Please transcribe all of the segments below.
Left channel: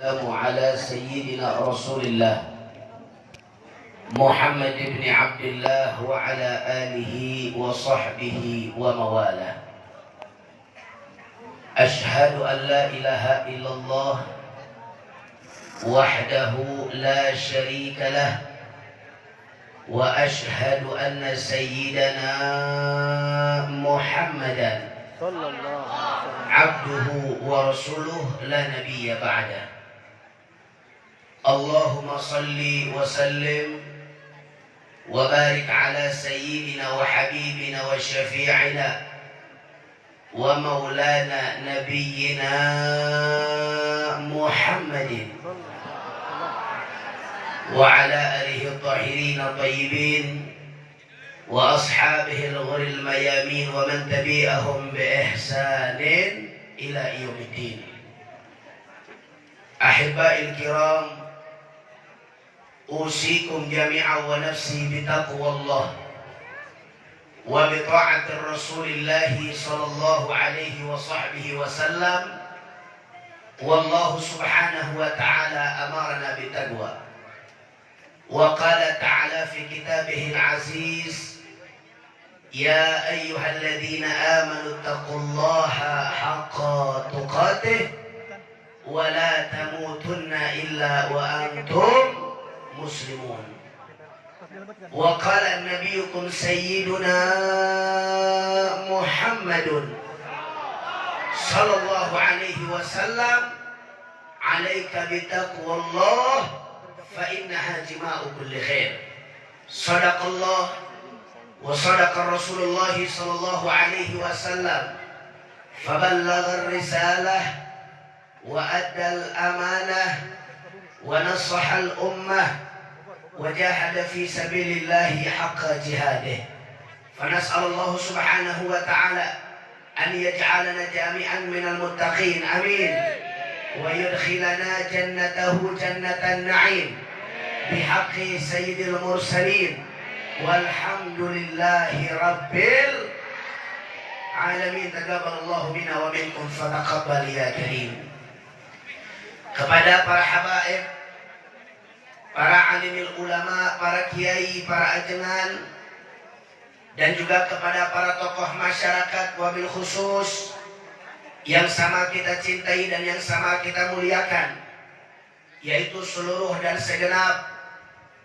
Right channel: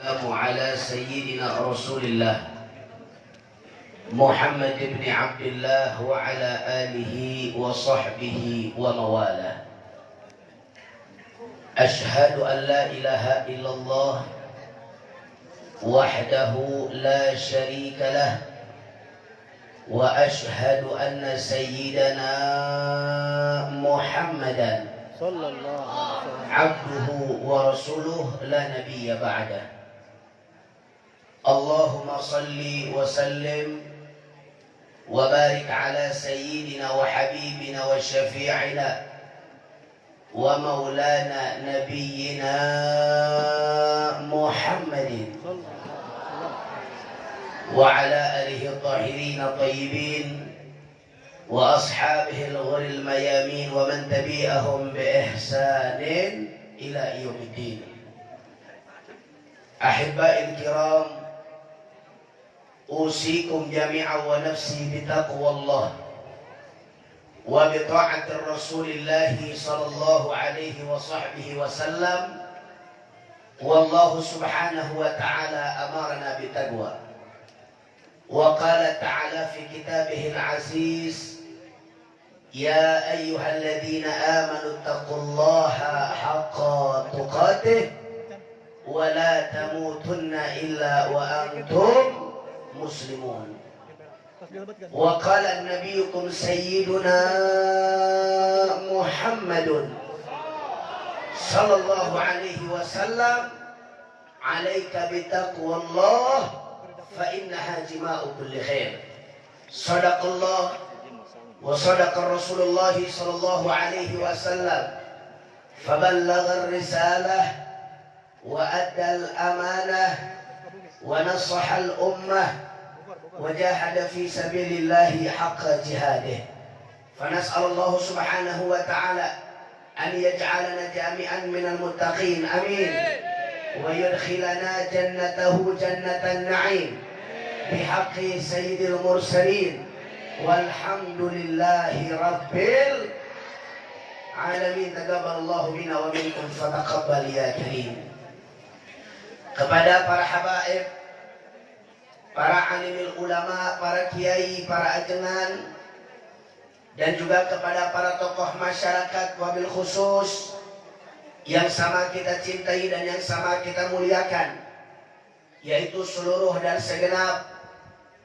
السلام على سيدنا رسول الله محمد بن عبد الله وعلى آله وصحبه ومواله. أشهد أن لا إله إلا الله وحده لا شريك له، وأشهد أن سيدنا محمدا صلى الله عليه وسلم عبده ورسوله لا نبي بعده. اللهم صل وسلم وبارك على سيدنا وحبيبنا وشفيعنا ومولانا نبينا محمد وعلى آله الطاهرين الطيبين وأصحابه الغر الميامين ومن تبعهم بإحسان إلى يوم الدين. أحبائي الكرام، أوصيكم جميعا ونفسي بتقوى الله وبطاعة رسول الله صلى الله عليه وصحبه وسلم. والله سبحانه وتعالى أمرنا بالتقوى، وقال تعالى في كتابه العزيز: يا أيها الذين آمنوا اتقوا الله حق تقاته ولا تموتن إلا وأنتم مسلمون. وقال نبيكم سيدنا محمد صلى الله عليه وسلم: عليك بتقوى الله فإنها جماع كل خير. صدق الله وصدق رسول الله صلى الله عليه وسلم، فبلغ الرسالة وأدى الأمانة ونصح الأمة وجاهد في سبيل الله حق جهاده. فنسأل الله سبحانه وتعالى أن يجعلنا جميعا من المتقين، آمين، ويدخلنا جنته جنة النعيم بحق سيد المرسلين، والحمد لله رب العالمين. تقبل الله منا ومنكم فتقبل يا كريم. Kepada para habaib, para alimil ulama, para kiai, para ajengan, dan juga kepada para tokoh masyarakat wabil khusus yang sama kita cintai dan yang sama kita muliakan, yaitu seluruh dan segenap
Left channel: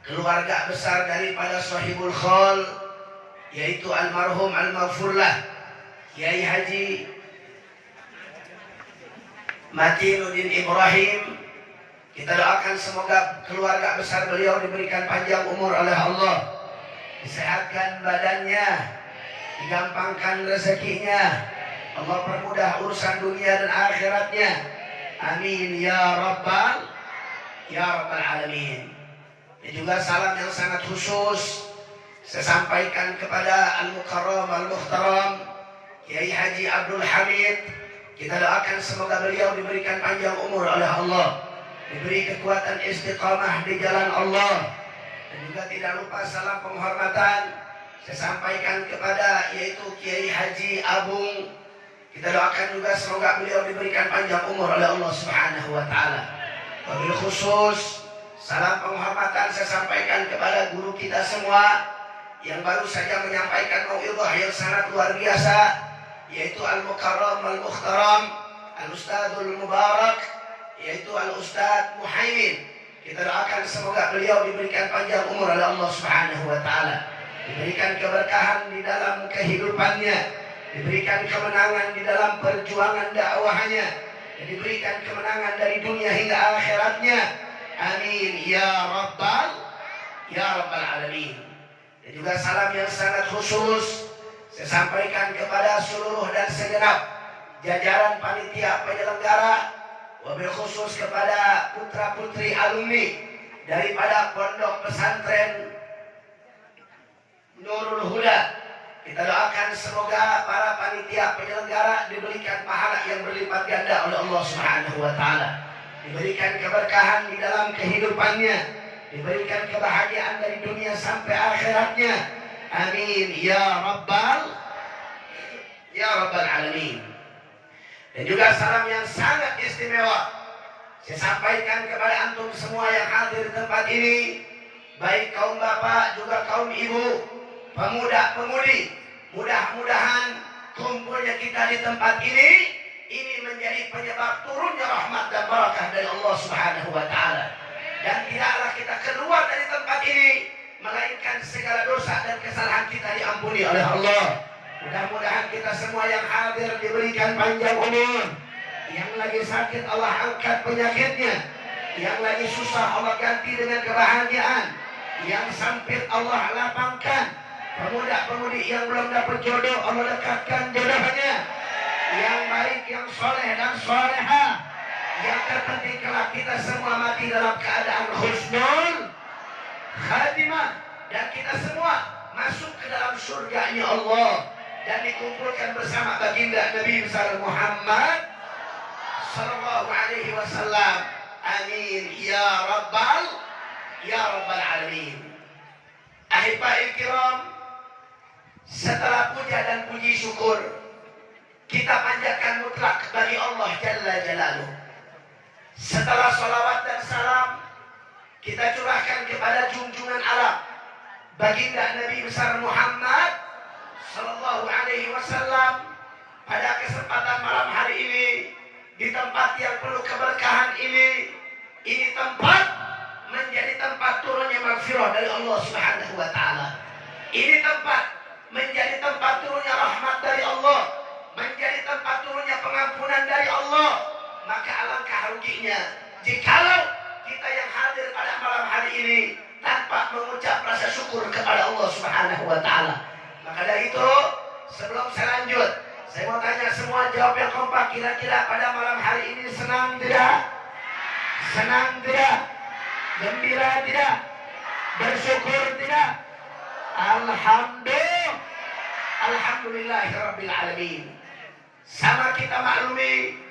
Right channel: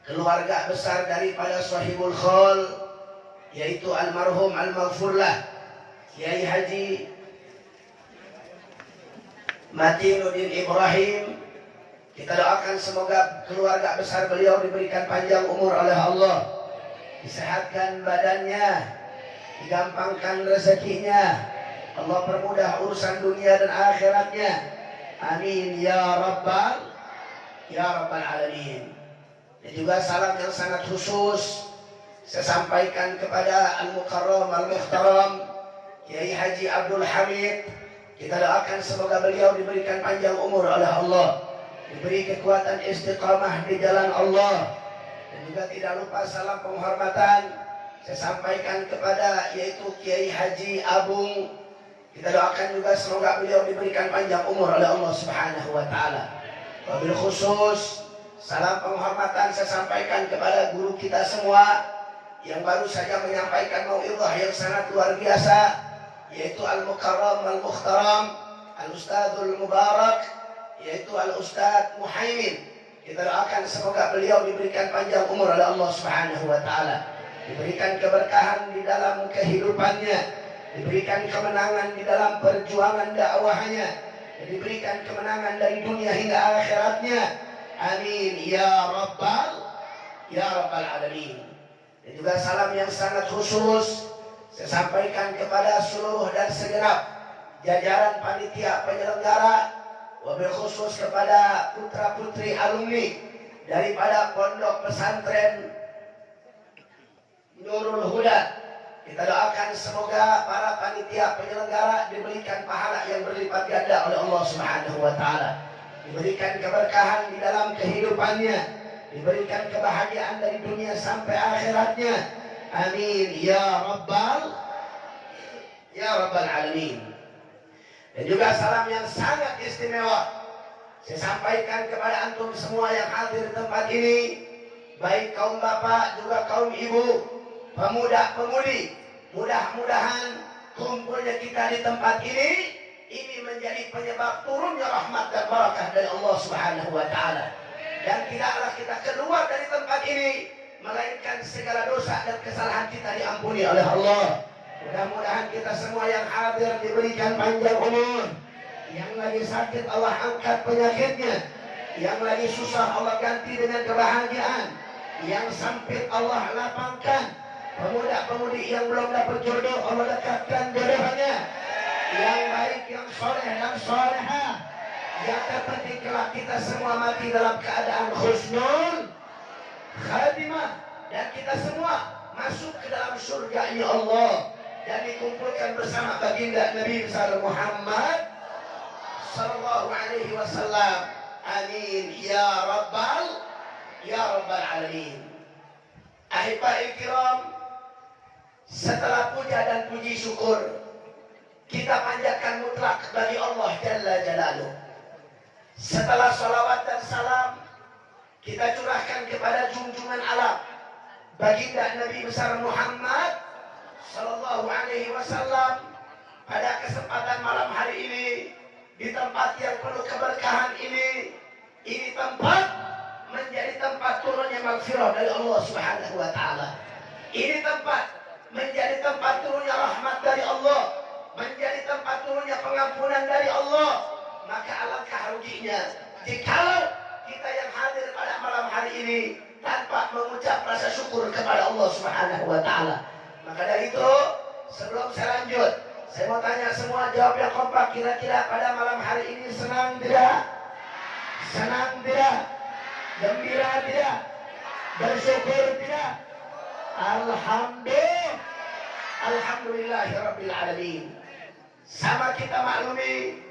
keluarga besar daripada Sahibul Khol, yaitu almarhum al-maghfurlah Kiai Haji Matinuddin Ibrahim. Kita doakan semoga keluarga besar beliau diberikan panjang umur oleh Allah, disehatkan badannya, digampangkan rezekinya, Allah permudah urusan dunia dan akhiratnya, amin ya rabbal alamin. Dan juga salam yang sangat khusus saya sampaikan kepada Al-Mukarram Al-Muhtaram Kiai Haji Abdul Hamid. Kita doakan semoga beliau diberikan panjang umur oleh Allah, diberi kekuatan istiqamah di jalan Allah. Dan juga tidak lupa salam penghormatan saya sampaikan kepada yaitu Kiai Haji Abung. Kita doakan juga semoga beliau diberikan panjang umur oleh Allah Subhanahu wa taala. Wabil khusus salam penghormatan saya sampaikan kepada guru kita semua yang baru saja menyampaikan mau'izah yang sangat luar biasa, yaitu Al-Mukarram Al-Muhtaram Al-Ustadzul Mubarak, yaitu Al-Ustadz Muhaimin. Kita doakan semoga beliau diberikan panjang umur oleh Allah Subhanahu wa taala, diberikan keberkahan di dalam kehidupannya, diberikan kemenangan di dalam perjuangan dakwahnya, dan diberikan kemenangan dari dunia hingga akhiratnya, amin ya rabbal alamin. Dan juga salam yang sangat khusus saya sampaikan kepada seluruh dan segenap jajaran panitia penyelenggara, wabil khusus kepada putra putri alumni daripada Pondok Pesantren Nurul Huda. Kita doakan semoga para panitia penyelenggara diberikan pahala yang berlipat ganda oleh Allah Subhanahu wa taala, diberikan keberkahan di dalam kehidupannya, diberikan kebahagiaan dari dunia sampai akhiratnya, amin ya rabbal alamin. Dan juga salam yang sangat istimewa Saya sampaikan kepada antum semua yang hadir di tempat ini, baik kaum bapak juga kaum ibu, pemuda-pemudi, mudah-mudahan kumpulnya kita di tempat ini menjadi penyebab turunnya rahmat dan barakah dari Allah Subhanahu wa taala. Dan tidaklah kita keluar dari tempat ini melainkan segala dosa dan kesalahan kita diampuni oleh Allah. Mudah-mudahan kita semua yang hadir diberikan panjang umur. Yang lagi sakit Allah angkat penyakitnya. Yang lagi susah Allah ganti dengan kebahagiaan. Yang sempit Allah lapangkan. Pemuda-pemudi yang belum dapat jodoh Allah dekatkan jodohnya. Yang baik, yang soleh dan solehah. Yang terpenting kelak kita semua mati dalam keadaan husnul khatimah. Dan kita semua masuk ke dalam surganya Allah. Dan dikumpulkan bersama baginda Nabi besar Muhammad sallallahu alaihi wasallam. Amin ya rabbal alamin. Ahibba'il kiram, setelah puja dan puji syukur kita panjatkan mutlak bagi Allah Jalla Jalaluh. Setelah salawat dan salam kita curahkan kepada junjungan alam baginda Nabi besar Muhammad sallallahu alaihi wasallam. Pada kesempatan malam hari ini, di tempat yang penuh keberkahan ini tempat menjadi tempat turunnya maghfirah dari Allah Subhanahu wa taala. Ini tempat menjadi tempat turunnya rahmat dari Allah, menjadi tempat turunnya pengampunan dari Allah. Maka alangkah ruginya jikalau kita yang hadir pada malam hari ini tanpa mengucap rasa syukur kepada Allah Subhanahu wa taala. Maka dari itu, sebelum saya lanjut, saya mau tanya semua, jawab yang kompak. Kira-kira pada malam hari ini senang tidak? Senang tidak? Gembira tidak? Bersyukur tidak? Alhamdulillahirabbil alamin. Sama kita maklumi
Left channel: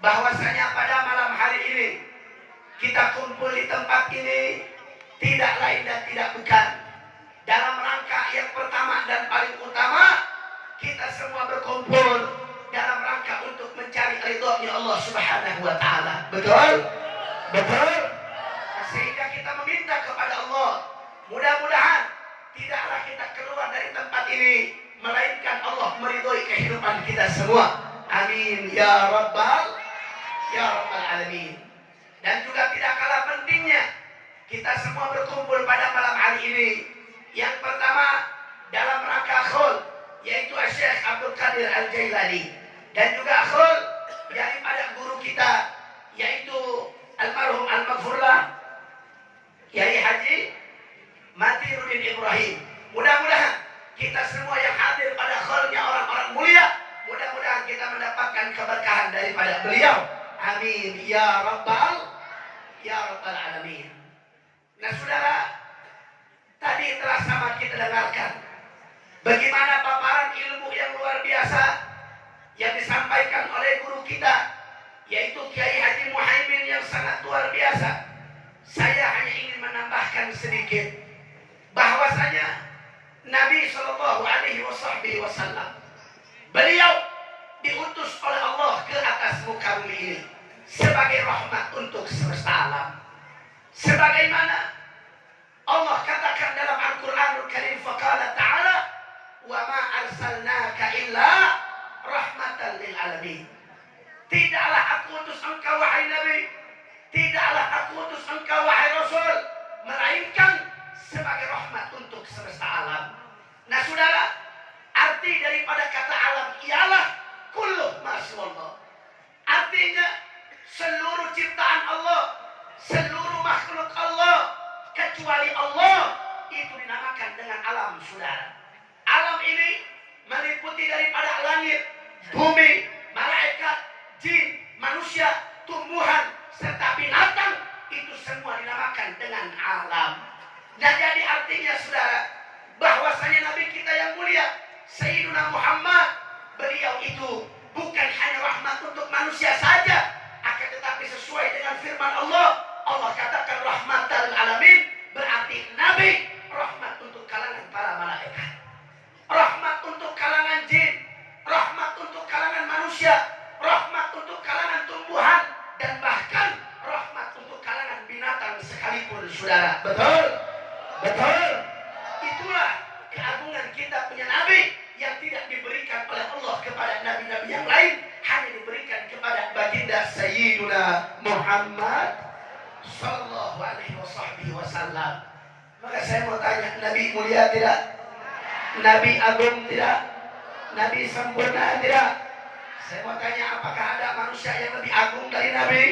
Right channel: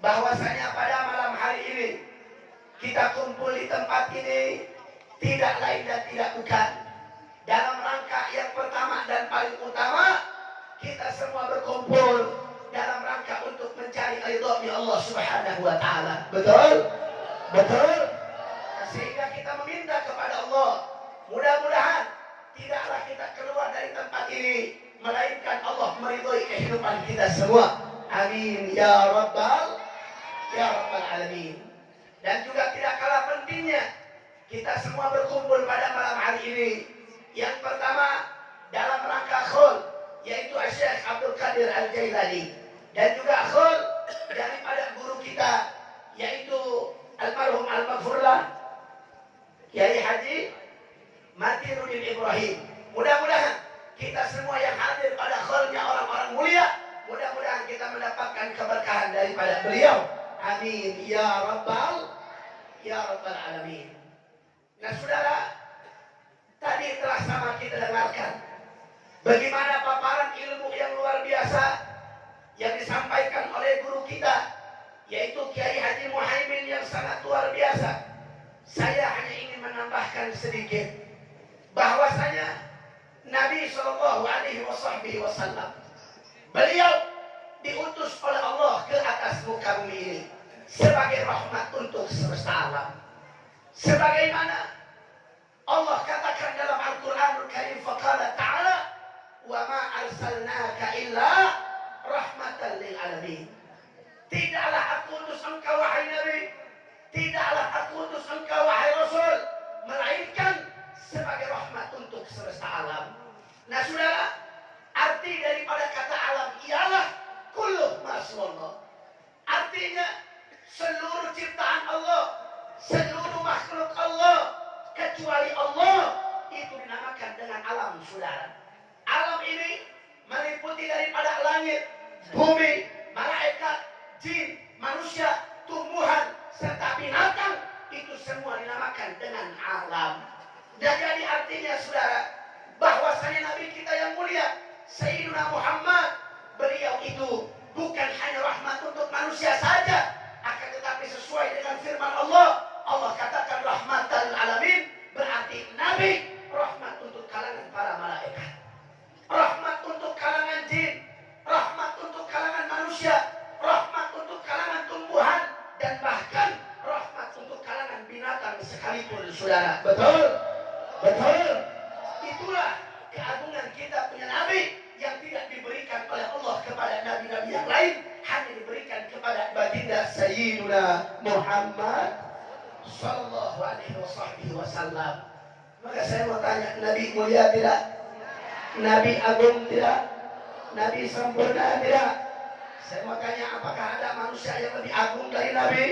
bahwasanya pada malam hari ini kita kumpul di tempat ini tidak lain dan tidak bukan dalam rangka yang pertama dan paling utama, kita semua berkumpul dalam rangka untuk mencari ridhonya Allah Subhanahu wa taala. Betul? Betul? Sehingga kita meminta kepada Allah, mudah-mudahan tidaklah kita keluar dari tempat ini melainkan Allah meridhoi kehidupan kita semua. Amin ya rabbal alamin. Dan juga tidak kalah pentingnya kita semua berkumpul pada malam hari ini. Yang pertama dalam rangka khul, yaitu Syekh Abdul Qadir Al-Jailani, dan juga khul daripada guru kita yaitu almarhum al-maghfurlah Kiai Haji Matiruddin Ibrahim. Mudah-mudahan kita semua yang hadir pada khulnya orang-orang mulia, mudah-mudahan kita mendapatkan keberkahan daripada beliau. Amin ya rabbal alamin. Nah saudara, tadi telah sama kita dengarkan bagaimana paparan ilmu yang luar biasa yang disampaikan oleh guru kita yaitu Kiai Haji Muhaimin yang sangat luar biasa. Saya hanya ingin menambahkan sedikit bahwasanya Nabi Shallallahu Alaihi Wasallam beliau diutus oleh Allah ke atas muka bumi ini sebagai rahmat untuk semesta alam. Sebagaimana Allah katakan dalam Al-Quranul Karim, faqala ta'ala wa ma arsalnaka illa rahmatan lil alamin. Tidaklah aku utus engkau wahai Nabi, tidaklah aku utus engkau wahai Rasul, melainkan sebagai rahmat untuk semesta alam. Nah saudara, arti daripada kata alam ialah kullu ma siwallah. Artinya seluruh ciptaan Allah, seluruh makhluk Allah kecuali Allah itu dinamakan dengan alam saudara. Alam ini meliputi daripada langit, bumi, malaikat, jin, manusia, tumbuhan, serta binatang. Itu semua dinamakan dengan alam. Dan jadi artinya saudara, bahwasanya Nabi kita yang mulia Sayyiduna Muhammad, beliau itu bukan hanya rahmat untuk manusia saja, akan tetapi sesuai dengan firman Allah, Allah katakan rahmatan alamin, berarti Nabi rahmat untuk kalangan para malaikat, rahmat untuk kalangan jin, rahmat untuk kalangan manusia, rahmat untuk kalangan tumbuhan, dan bahkan saudara. Betul? Betul? Itulah keagungan kita punya Nabi yang tidak diberikan oleh Allah kepada nabi-nabi yang lain, hanya diberikan kepada baginda Sayyiduna Muhammad sallallahu alaihi wasallam. Maka saya mau tanya, Nabi mulia tidak? Nabi agung tidak? Nabi sempurna tidak? Saya mau tanya, apakah ada manusia yang lebih agung dari Nabi?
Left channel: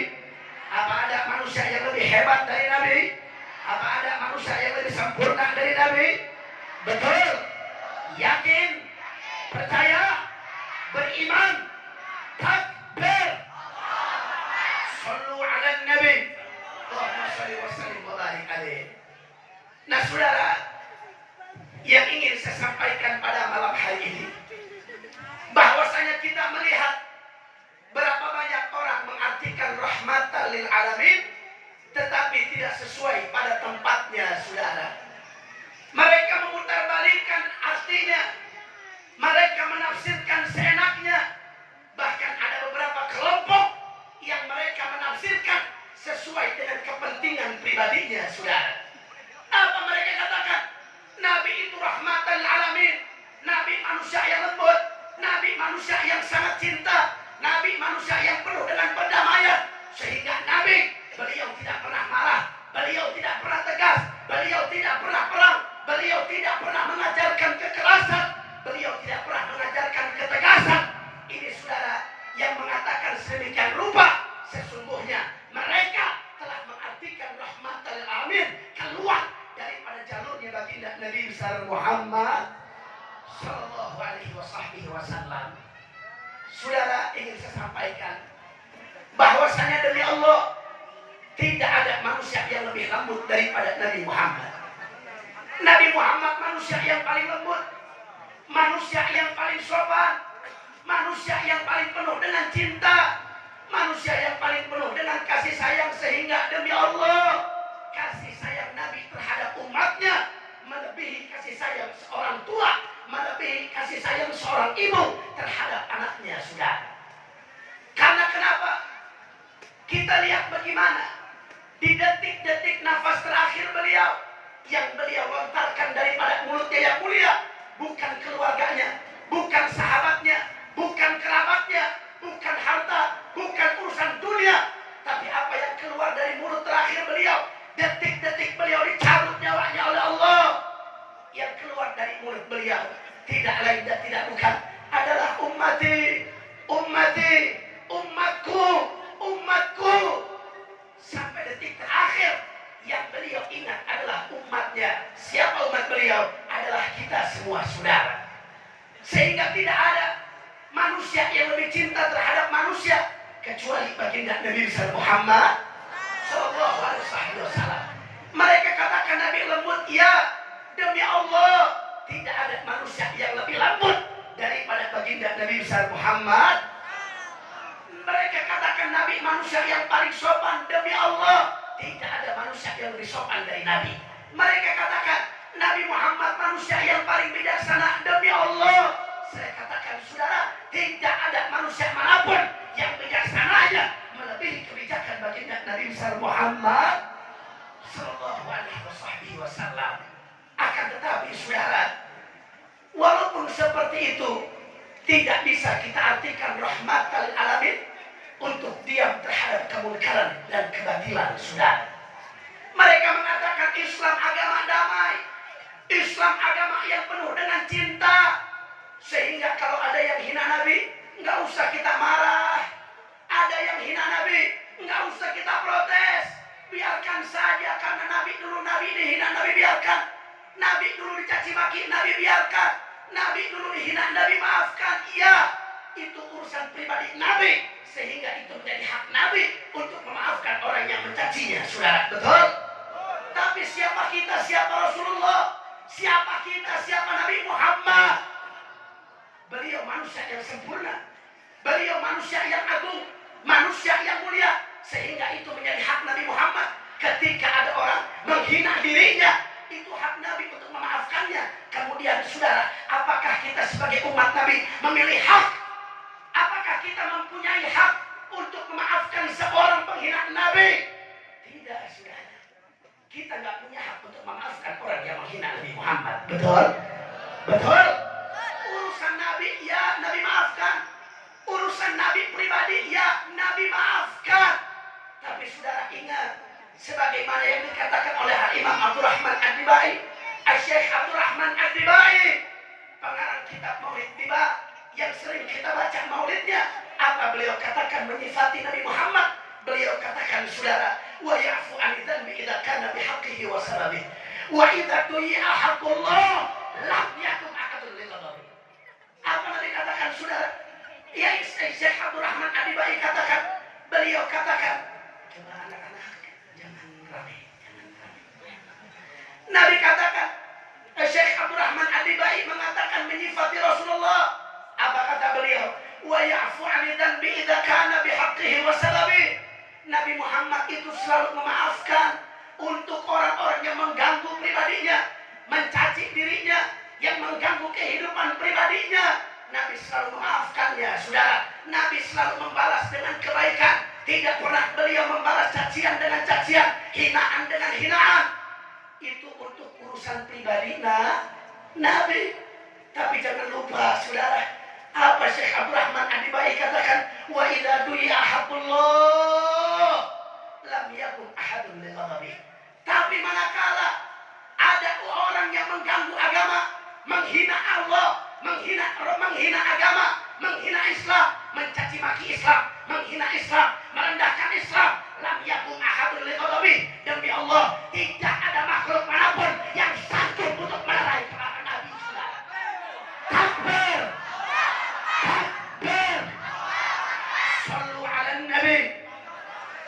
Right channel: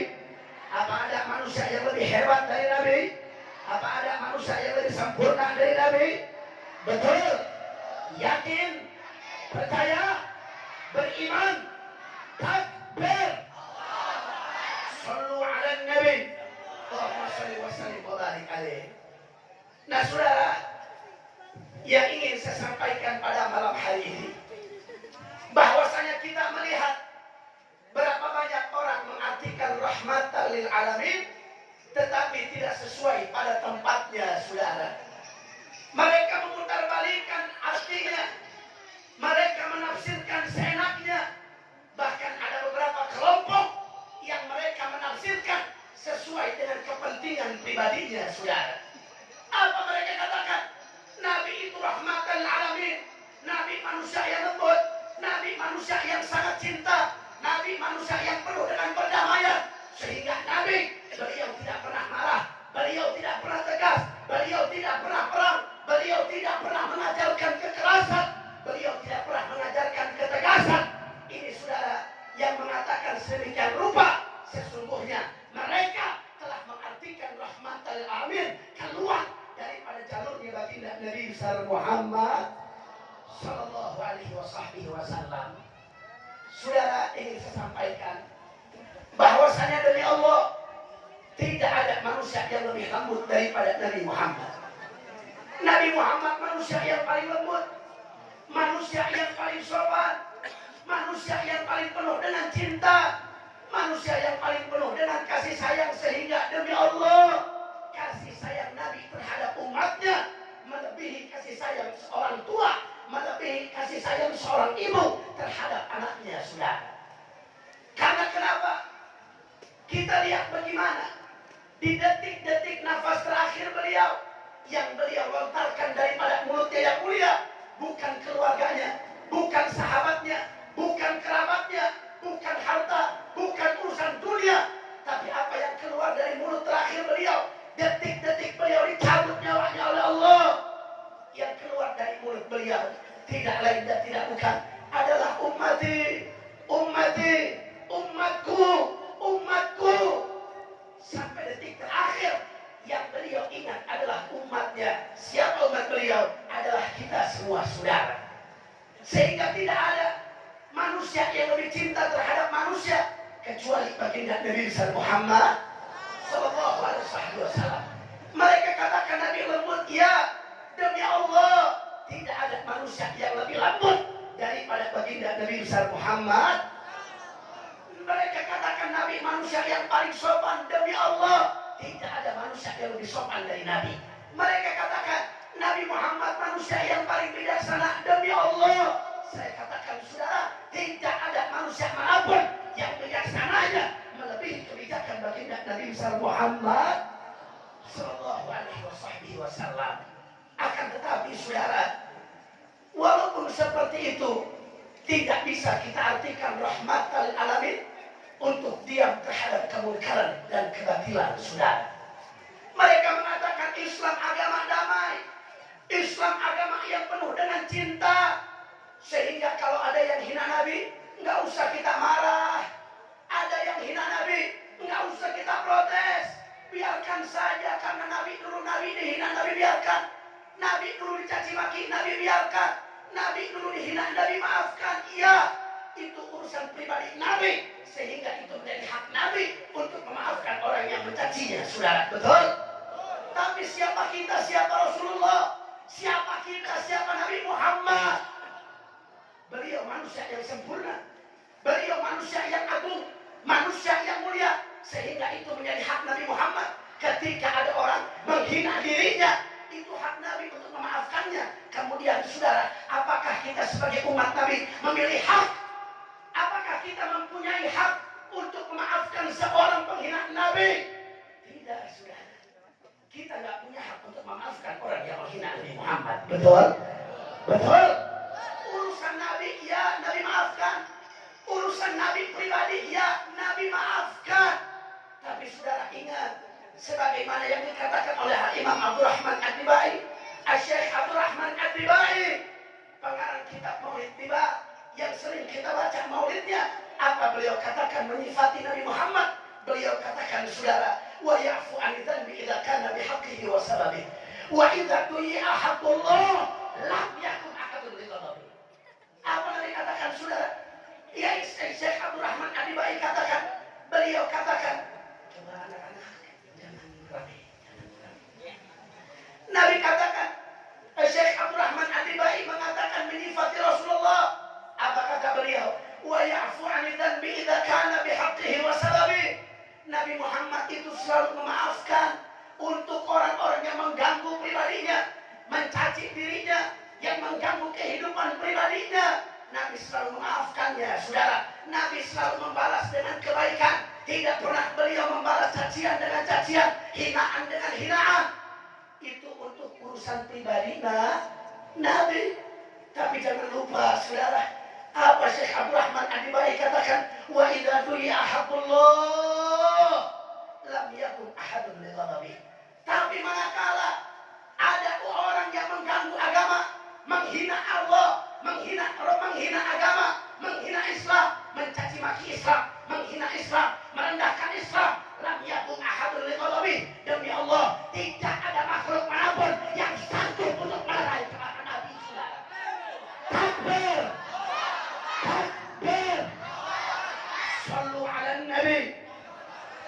Apa ada manusia yang lebih hebat dari Nabi? Apa ada manusia yang lebih sempurna dari Nabi? Betul? Yakin? Percaya? Beriman? Takbir? Sallu ala Nabi. Allahumma salli wa sallim wa barik alaihi. Nah saudara, yang ingin saya sampaikan pada malam hari ini, bahwasanya kita melihat berapa banyak orang mengartikan rahmatan lil alamin, tetapi tidak sesuai pada tempatnya, saudara. Mereka memutarbalikkan artinya, mereka menafsirkan seenaknya. Bahkan ada beberapa kelompok yang mereka menafsirkan sesuai dengan kepentingan pribadinya, saudara. Apa mereka katakan? Nabi itu rahmatan lil alamin, Nabi manusia yang lembut, Nabi manusia yang sangat cinta, Nabi manusia yang penuh dengan perdamaian, sehingga Nabi beliau tidak pernah marah, beliau tidak pernah tegas, beliau tidak pernah perang, beliau tidak pernah mengajarkan kekerasan, beliau tidak pernah mengajarkan ketegasan. Ini saudara yang mengatakan sedemikian rupa, sesungguhnya mereka telah mengartikan rahmatan lil alamin keluar daripada jalurnya baginda Nabi besar Muhammad sallallahu alaihi wasallam. Saudara, ingin saya sampaikan bahwasanya demi Allah tidak ada manusia yang lebih lembut daripada Nabi Muhammad. Nabi Muhammad manusia yang paling lembut, manusia yang paling sopan, manusia yang paling penuh dengan cinta, manusia yang paling penuh dengan kasih sayang, sehingga demi Allah kasih sayang Nabi terhadap umatnya melebihi kasih sayang seorang tua, melebihi kasih sayang seorang ibu terhadap anaknya, saudara. Karena kenapa? Kita lihat bagaimana di detik-detik nafas terakhir beliau, yang beliau lontarkan daripada mulutnya yang mulia, bukan keluarganya, bukan sahabatnya, bukan kerabatnya, bukan harta, bukan urusan dunia, tapi apa yang keluar dari mulut terakhir beliau, detik-detik beliau dicabut nyawanya oleh Allah, yang keluar dari mulut beliau tidak lain dan tidak bukan adalah ummati, ummati, umatku, umatku. Sampai detik terakhir yang beliau ingat adalah umatnya. Siapa umat beliau? Adalah kita semua, saudara. Sehingga tidak ada manusia yang lebih cinta terhadap manusia kecuali baginda Nabi besar Muhammad sallallahu alaihi wasallam. Mereka katakan Nabi lembut, ya, demi Allah tidak ada manusia yang lebih lembut daripada baginda Nabi besar Muhammad. Mereka katakan Nabi manusia yang paling sopan, demi Allah tidak ada manusia yang lebih sopan dari Nabi. Mereka katakan Nabi Muhammad manusia yang paling bijaksana, demi Allah saya katakan saudara, tidak ada manusia manapun yang bijaksananya melebihi kebijakan baginda Nabi besar Muhammad sallallahu alaihi wasallam. Akan tetapi saudara, walaupun seperti itu, tidak bisa kita artikan rahmatan lil alamin untuk diam terhadap kemunkaran dan kebatilan, saudara. Mereka mengatakan Islam agama damai, Islam agama yang penuh dengan cinta, sehingga kalau ada yang hina Nabi, nggak usah kita marah. Ada yang hina Nabi, nggak usah kita protes. Biarkan saja, karena Nabi dulu Nabi dihina, Nabi biarkan. Nabi dulu dicaci maki, Nabi biarkan. Nabi dulu dihina, Nabi maafkan. Iya, itu urusan pribadi Nabi, sehingga itu menjadi hak Nabi untuk memaafkan orang yang mencacinya, saudara. Betul? Tapi siapa kita, siapa Rasulullah? Siapa kita, siapa Nabi Muhammad? Beliau manusia yang sempurna, beliau manusia yang agung, manusia yang mulia, sehingga itu menjadi hak Nabi Muhammad. Ketika ada orang menghina dirinya, itu hak Nabi untuk memaafkannya. Kemudian saudara, apakah kita sebagai umat Nabi memilih hak? Apakah kita mempunyai hak untuk memaafkan seorang penghina Nabi? Tidak, saudara. kita nggak punya hak untuk memaafkan orang yang menghina Nabi Muhammad. Betul? Betul? Urusan Nabi, ya Nabi maafkan. Urusan Nabi pribadi, ya Nabi maafkan. Tapi saudara ingat, sebagaimana yang dikatakan oleh Imam Abdurrahman Ad-Dibai, Syekh Abdurrahman Ad-Dibai, pengarang kitab Maulid Tiba, yang sering kita baca maulidnya, apa beliau katakan menyifati Nabi Muhammad? Beliau katakan, saudara, wa ya'fu 'anil dhanbi idza kana bihaqqihi wa sababihi, wa idza tuyi'a haqqullah lam yakun ahadun lighadabi. Apa Nabi katakan, saudara? Ya, Syekh Abdurrahman Ad-Dibai katakan, beliau katakan, coba anak-anak jangan rapi. Nabi katakan, Syekh Abdurrahman Ad-Dibai mengatakan menyifati Rasulullah. Apa kata beliau? Wa ya'fu 'anil dhanbi idza kana bihaqqihi wa sababihi. Nabi Muhammad itu selalu memaafkan untuk orang-orang yang mengganggu pribadinya, mencaci dirinya, yang mengganggu kehidupan pribadinya. Nabi selalu memaafkannya, saudara. Nabi selalu membalas dengan kebaikan. Tidak pernah beliau membalas cacian dengan cacian, hinaan dengan hinaan. Itu untuk urusan pribadi Nabi. Tapi jangan lupa, saudara, apa Syekh Abdurrahman Ad-Dibai katakan, wa idza du'i'a haqqullah lam yakun ahadun lighadabi. Tapi manakala ada orang yang mengganggu agama, menghina Allah, menghina agama, menghina Islam, mencaci maki Islam, menghina Islam, merendahkan Islam, lam yakun ahadun lighadabi. Demi Allah, tidak ada makhluk manapun yang sanggup untuk melerai para nabi, saudara. Takbir. Takbir. Sallu ala nabi.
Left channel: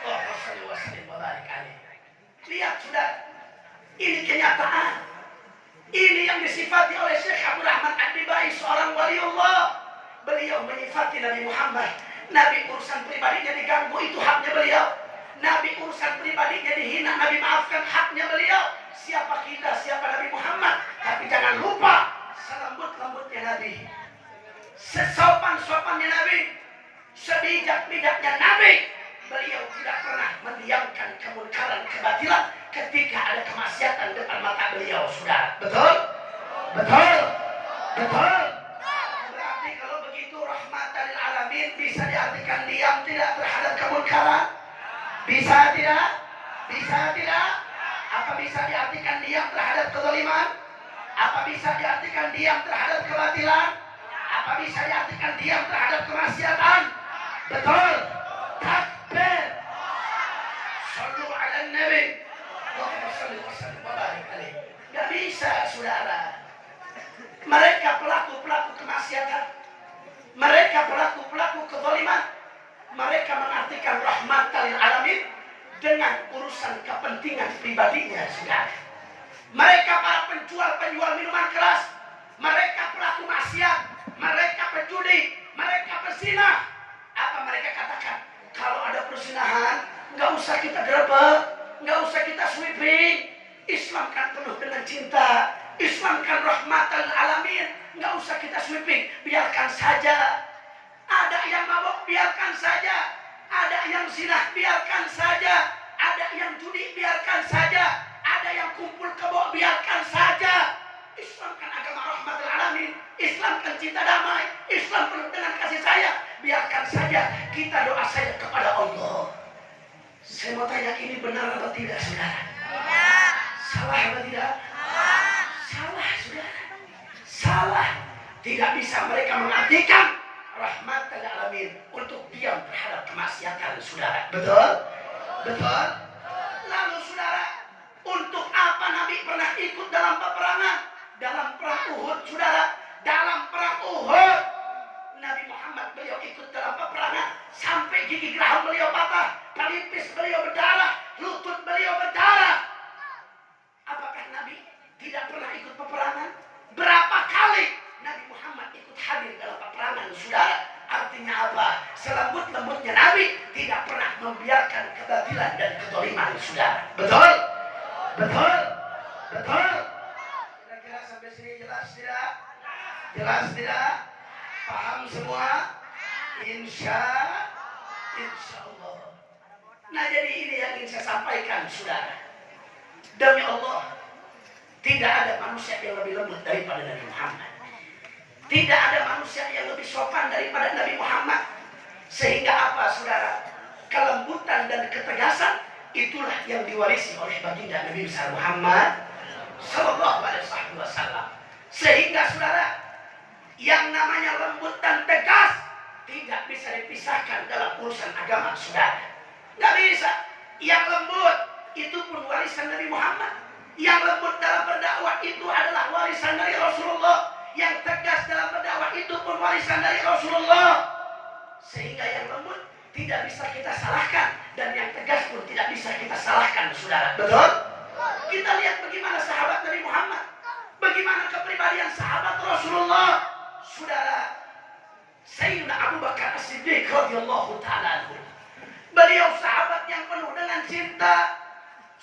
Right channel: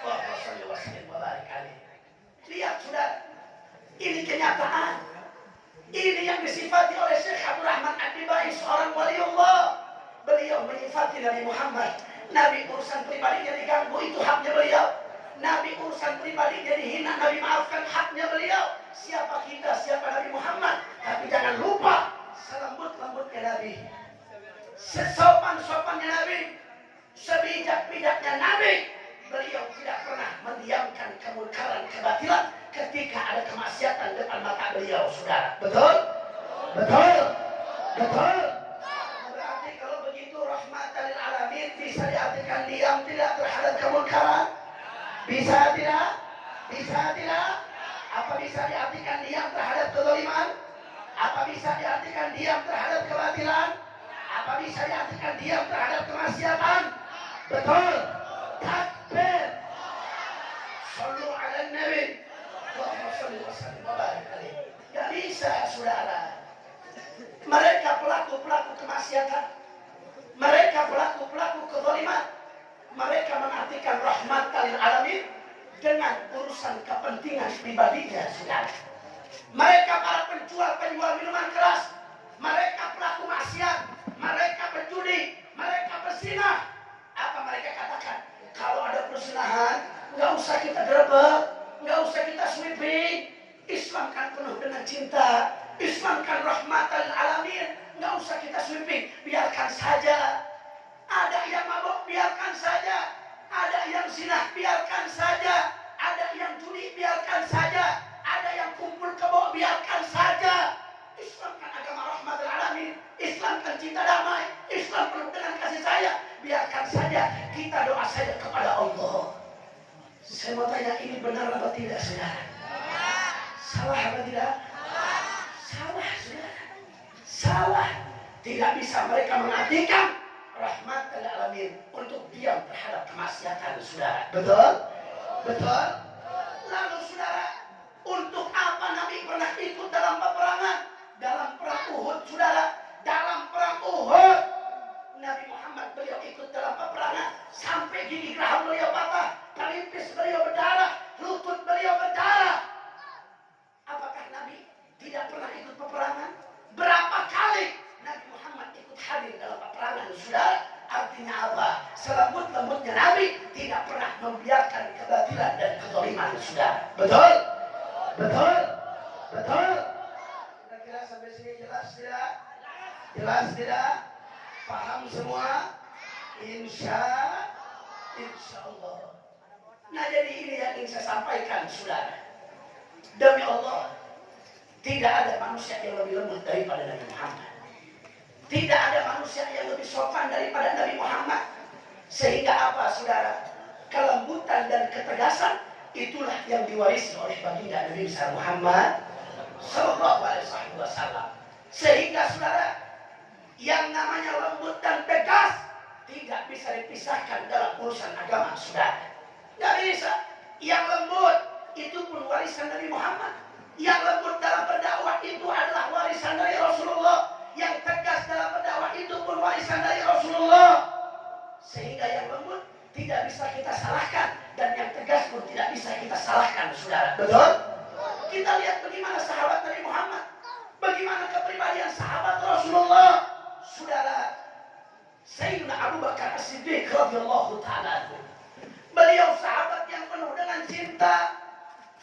Allahumma salli wa sallim wa barik alaihi. Lihat, saudara, ini kenyataan. Ini yang disifati oleh Syekh Abdurrahman Ad-Dibai, seorang waliullah. Beliau menyifati Nabi Muhammad. Nabi urusan pribadinya diganggu, itu haknya beliau. Nabi urusan pribadinya dihina, Nabi maafkan, haknya beliau. Siapa kita, siapa Nabi Muhammad? Tapi jangan lupa, selembut-lembutnya Nabi, sesopan-sopannya Nabi, sebijak-bijaknya Nabi. Beliau tidak pernah mendiamkan kemungkaran, kebatilan ketika ada kemaksiatan depan mata beliau, saudara. Betul? Betul? Betul? Berarti kalau begitu rahmatan lil alamin bisa diartikan diam tidak terhadap kemungkaran? Bisa tidak? Bisa tidak? Apa bisa diartikan diam terhadap kezaliman? Apa bisa diartikan diam terhadap kebatilan? Apa bisa diartikan diam terhadap kemaksiatan? Betul? Takbir. Sallu ala nabi. Allahumma salli wa sallim wa barik alaihi. Gak bisa, saudara. Mereka pelaku-pelaku kemaksiatan, mereka pelaku-pelaku kezaliman, mereka mengartikan rahmatan lil alamin dengan urusan kepentingan pribadinya, saudara. Mereka para penjual minuman keras, mereka pelaku maksiat, mereka penjudi, mereka perzina. Apa mereka katakan? Kalau ada perzinahan, nggak usah kita gerebek, nggak usah kita sweeping. Islam kan penuh dengan cinta, Islam kan rahmatan lil alamin, nggak usah kita sweeping, biarkan saja. Ada yang mabuk, biarkan saja. Ada yang zina, biarkan saja. Ada yang judi, biarkan saja. Ada yang kumpul kebo, biarkan saja. Islam kan agama rahmatul alamin. Islam kan cinta damai. Islam penuh dengan kasih sayang. Biarkan saja. Kita doa saja kepada Allah. Saya mau tanya, ini benar atau tidak, saudara? Salah atau tidak? Salah, saudara. Salah. Tidak bisa mereka mengartikan rahmatan lil alamin untuk diam terhadap kemaksiatan, saudara. Betul? Betul? Lalu, saudara, untuk apa Nabi pernah ikut dalam peperangan? Dalam perang Uhud, saudara. Dalam perang Uhud, Nabi Muhammad beliau ikut dalam peperangan sampai gigi geraham beliau patah, pelipis beliau berdarah, lutut beliau berdarah. Apakah Nabi tidak pernah ikut peperangan? Berapa kali Nabi Muhammad ikut hadir dalam peperangan, saudara? Artinya apa? Selembut-lembutnya Nabi tidak pernah membiarkan kebatilan dan kezaliman, saudara. Betul? Betul? Betul? Kira-kira sampai sini jelas tidak? Jelas tidak? Paham semua? Insya Allah. Nah, jadi ini yang ingin saya sampaikan, saudara. Demi Allah, tidak ada manusia yang lebih lembut daripada Nabi Muhammad. Tidak ada manusia yang lebih sopan daripada Nabi Muhammad. Sehingga apa saudara? Kelembutan dan ketegasan itulah yang diwarisi oleh baginda Nabi besar Muhammad Sallallahu Alaihi Wasallam. Sehingga saudara, yang namanya lembut dan tegas tidak bisa dipisahkan dalam urusan agama saudara. Tidak bisa. Yang lembut itu pun warisan Nabi Muhammad. Yang lembut dalam berdakwah itu adalah warisan dari Rasulullah. Yang tegas dalam berdakwah itu pun warisan dari Rasulullah. Sehingga yang lembut tidak bisa kita salahkan, dan yang tegas pun tidak bisa kita salahkan saudara. Betul? Kita lihat bagaimana sahabat Nabi Muhammad, bagaimana kepribadian sahabat Rasulullah. Saudara, Sayyidina Abu Bakar As-Siddiq radhiyallahu ta'ala anhu, beliau sahabat yang penuh dengan cinta,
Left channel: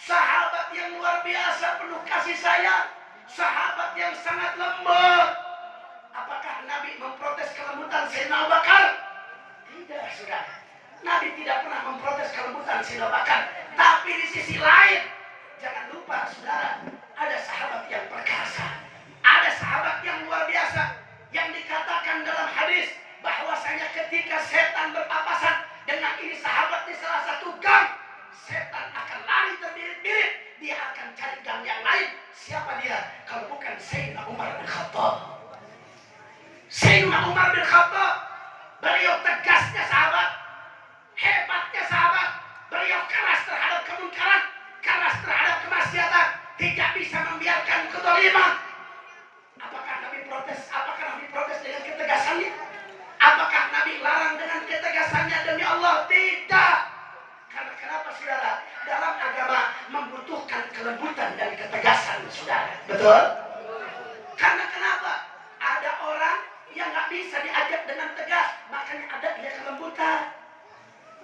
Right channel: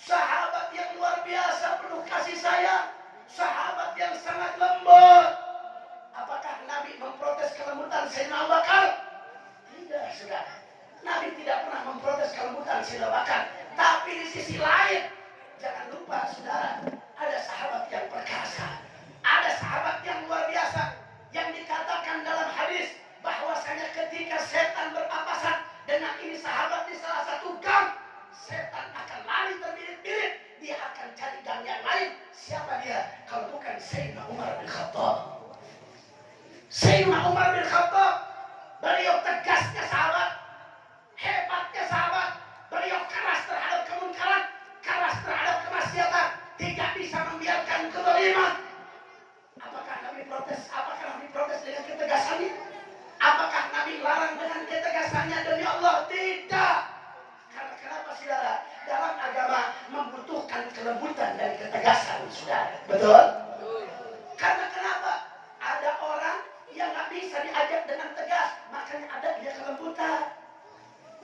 sahabat yang luar biasa penuh kasih sayang, sahabat yang sangat lembut. Apakah Nabi memprotes kelembutan Sayyidina Abu Bakar? Tidak, saudara. Nabi tidak pernah memprotes kelembutan Sayyidina Abu Bakar. Tapi di sisi lain, jangan lupa saudara, ada sahabat yang perkasa, ada sahabat yang luar biasa, yang dikatakan dalam hadis bahwasanya ketika setan berpapasan dengan ini sahabat di salah satu gang, setan akan lari terbirit-birit, dia akan cari gang yang lain. Siapa dia? Kalau bukan Sayyidina Umar bin Khattab. Sayyidina Umar bin Khattab, beliau tegasnya sahabat, hebatnya sahabat, beliau keras terhadap kemungkaran, keras terhadap kemaksiatan, tidak bisa membiarkan kezaliman. Apakah Nabi protes? Apakah Nabi protes dengan ketegasannya? Apakah Nabi larang dengan ketegasannya? Demi Allah, tidak. Karena kenapa saudara? Dalam agama membutuhkan kelembutan dan ketegasan saudara. Betul? Karena kenapa? Ada orang yang gak bisa diajak dengan tegas, makanya ada dia kelembutan.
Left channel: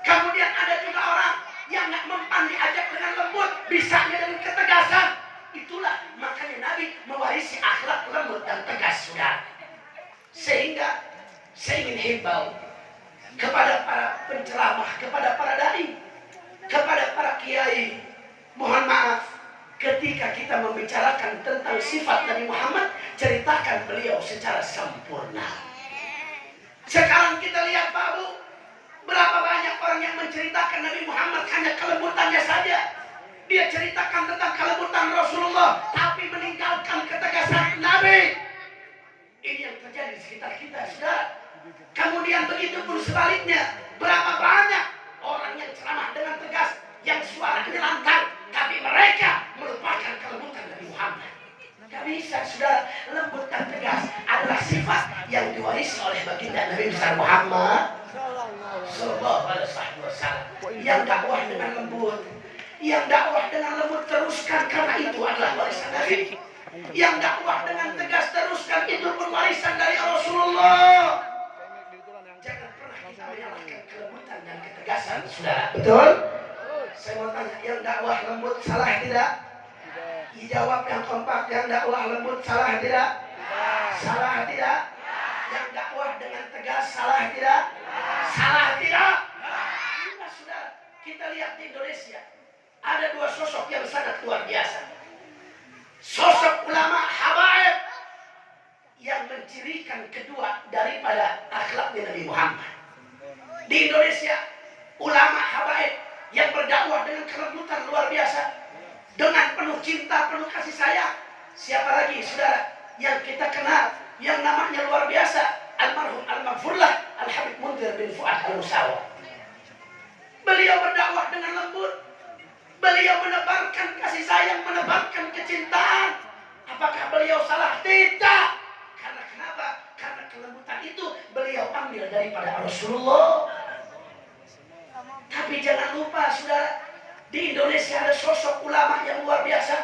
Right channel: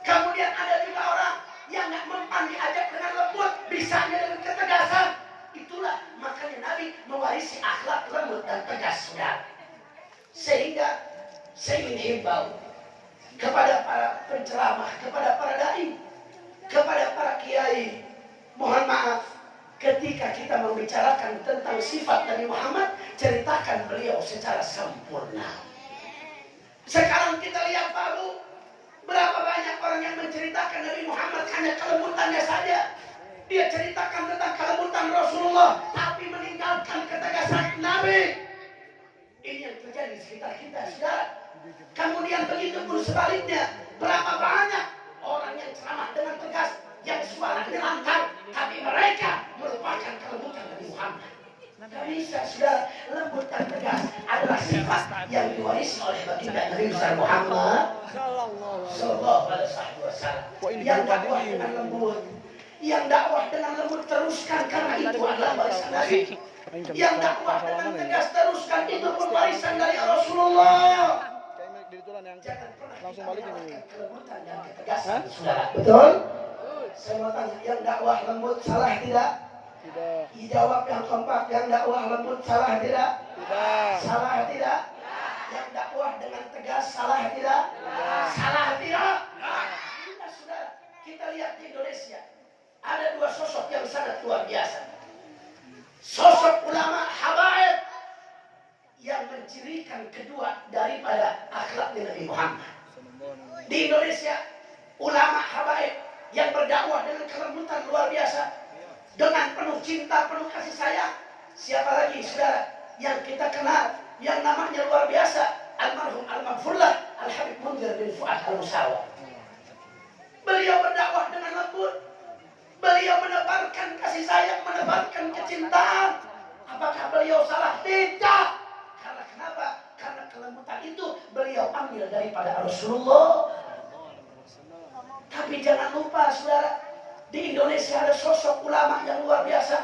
Kemudian ada juga orang yang gak mempan diajak dengan lembut, bisanya dengan ketegasan. Itulah makanya Nabi mewarisi akhlak lembut dan tegas saudara. Sehingga saya ingin himbau kepada para penceramah, kepada para dai, kepada para kiai, mohon maaf, ketika kita membicarakan tentang sifat Nabi Muhammad, ceritakan beliau secara sempurna. Sekarang kita lihat Pak Bu, berapa banyak orang yang menceritakan Nabi Muhammad hanya kelembutannya saja. Dia ceritakan tentang kelembutan Rasulullah, tapi meninggalkan ketegasan Nabi. Ini yang terjadi di sekitar kita, saudara. Kemudian begitu pun sebaliknya, berapa banyak orang yang ceramah dengan tegas, yang suaranya lantang, tapi mereka melupakan kelembutan Nabi Muhammad. Gak bisa, saudara. Lembut dan tegas adalah sifat yang diwarisi oleh baginda Nabi besar Muhammad Sallallahu Alaihi Wasallam. Yang dakwah dengan lembut, yang dakwah dengan lembut teruskan, karena itu adalah warisan Nabi. Yang dakwah dengan tegas teruskan, itu pun warisan dari Rasulullah. Jangan pernah kita menyalahkan kelembutan dan ketegasan, saudara. Betul? Saya mau tanya, yang dakwah lembut salah tidak? Tidak. Dijawab yang kompak, yang dakwah lembut salah tidak? Tidak. Salah tidak? Yang dakwah dengan tegas salah tidak? Tidak. Salah tidak? Tidak, saudara. Kita lihat di Indonesia, ada dua sosok yang sangat luar biasa. Sosok ulama habaib yang mencirikan kedua daripada akhlaknya Nabi Muhammad. Di Indonesia, ulama habaib yang berdakwah dengan kelembutan luar biasa, dengan penuh cinta, penuh kasih sayang. Siapa lagi saudara yang kita kenal, yang namanya luar biasa, almarhum al-maghfurlah Al-Habib Munzir bin Fuad Al-Musawa. Beliau berdakwah dengan lembut, beliau menebarkan kasih sayang, menebarkan kecintaan. Apakah beliau salah? Tidak. Karena kenapa? Karena kelembutan itu beliau ambil daripada Rasulullah. Tapi jangan lupa saudara, di Indonesia ada sosok ulama yang luar biasa,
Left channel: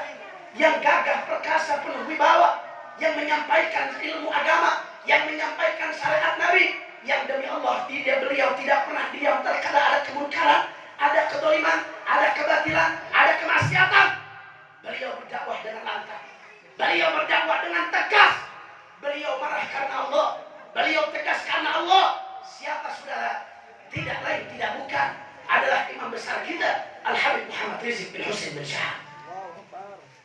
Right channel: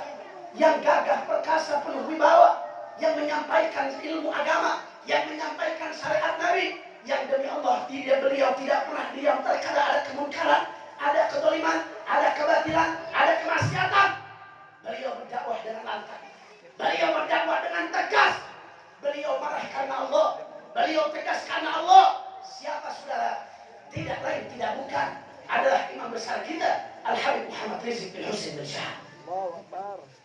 yang gagah perkasa, penuh wibawa, yang menyampaikan ilmu agama, yang menyampaikan syariat Nabi, yang demi Allah beliau tidak pernah diam terkala ada kemungkaran, ada kezaliman, ada kebatilan, ada kemaksiatan. Beliau berdakwah dengan lantang, beliau berdakwah dengan tegas, beliau marah karena Allah, beliau tegas karena Allah. Siapa saudara? Tidak lain, tidak bukan, adalah imam besar kita, Al-Habib Muhammad Rizik bin Husain bin Syahab.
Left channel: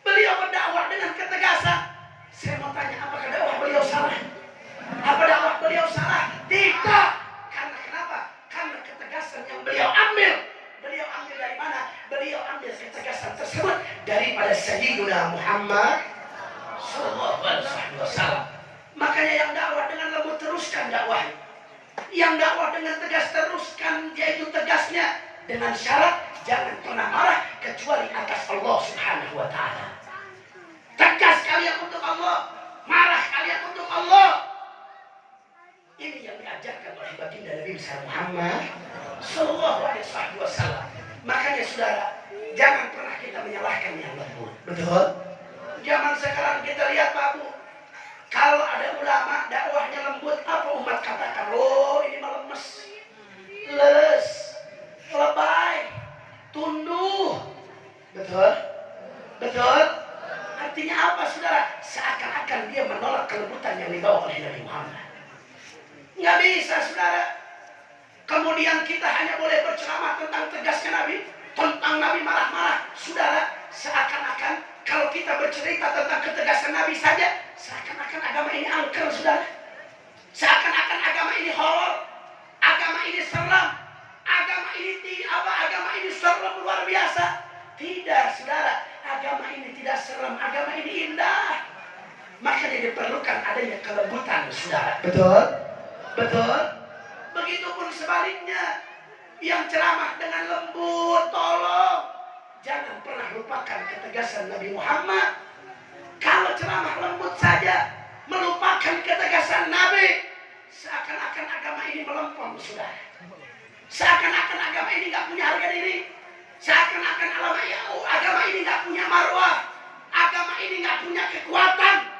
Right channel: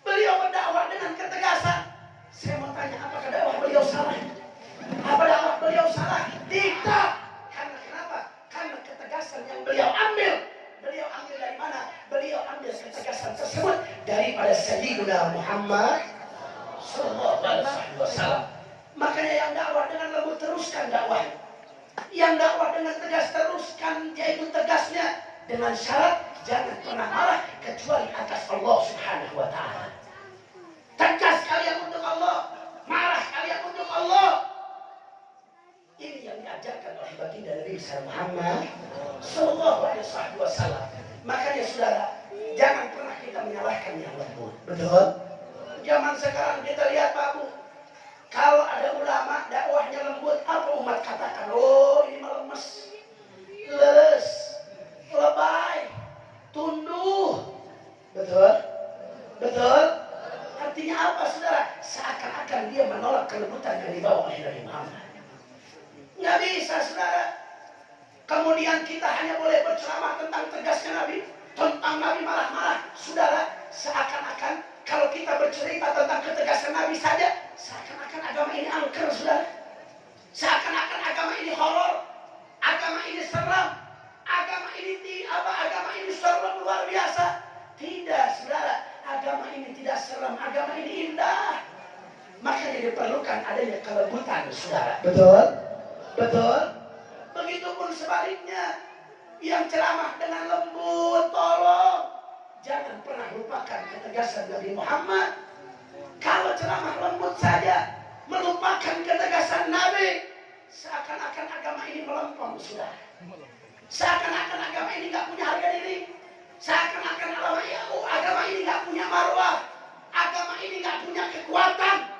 Beliau berdakwah dengan ketegasan. Saya mau tanya, apakah dakwah beliau salah? Apa dakwah beliau salah? Tidak. Karena kenapa? Karena ketegasan yang beliau ambil. Beliau ambil dari mana? Beliau ambil ketegasan tersebut daripada Sayyidina Muhammad sallallahu alaihi wasallam. Makanya yang dakwah dengan lembut teruskan dakwah. Yang dakwah dengan tegas teruskan, yaitu tegasnya dengan syarat jangan pernah marah kecuali atas Allah Subhanahu wa taala. Tegas kalian untuk Allah, marah kalian untuk Allah. Ini yang diajarkan oleh baginda Nabi besar Muhammad sallallahu alaihi wasallam. Makanya saudara, jangan pernah kita menyalahkan yang lembut. Betul? Zaman sekarang kita lihat Pak Bu, kalau ada ulama dakwahnya lembut, apa umat katakan? Oh, ini mah lemes, les, lebay, tunduh. Betul? Betul? Artinya apa saudara? Seakan-akan dia menolak kelembutan yang dibawa oleh Nabi Muhammad. Nggak bisa saudara. Kemudian kita hanya boleh berceramah tentang tegasnya Nabi, tentang Nabi marah-marah. Saudara, seakan-akan kalau kita bercerita tentang ketegasan Nabi saja, seakan-akan agama ini angker saudara. Seakan-akan agama ini horor, agama ini seram, agama ini serem luar biasa. Tidak saudara, agama ini tidak seram, agama ini indah. Makanya diperlukan adanya kelembutan saudara. Betul? Betul? Begitupun sebaliknya, yang ceramah dengan lembut, tolong jangan pernah lupakan ketegasan Nabi Muhammad. Kalau ceramah lembut saja, melupakan ketegasan Nabi, seakan-akan agama ini melempem sudah. Seakan-akan agama ini nggak punya harga diri. Seakan-akan agama ini nggak punya marwah. Agama ini nggak punya kekuatan.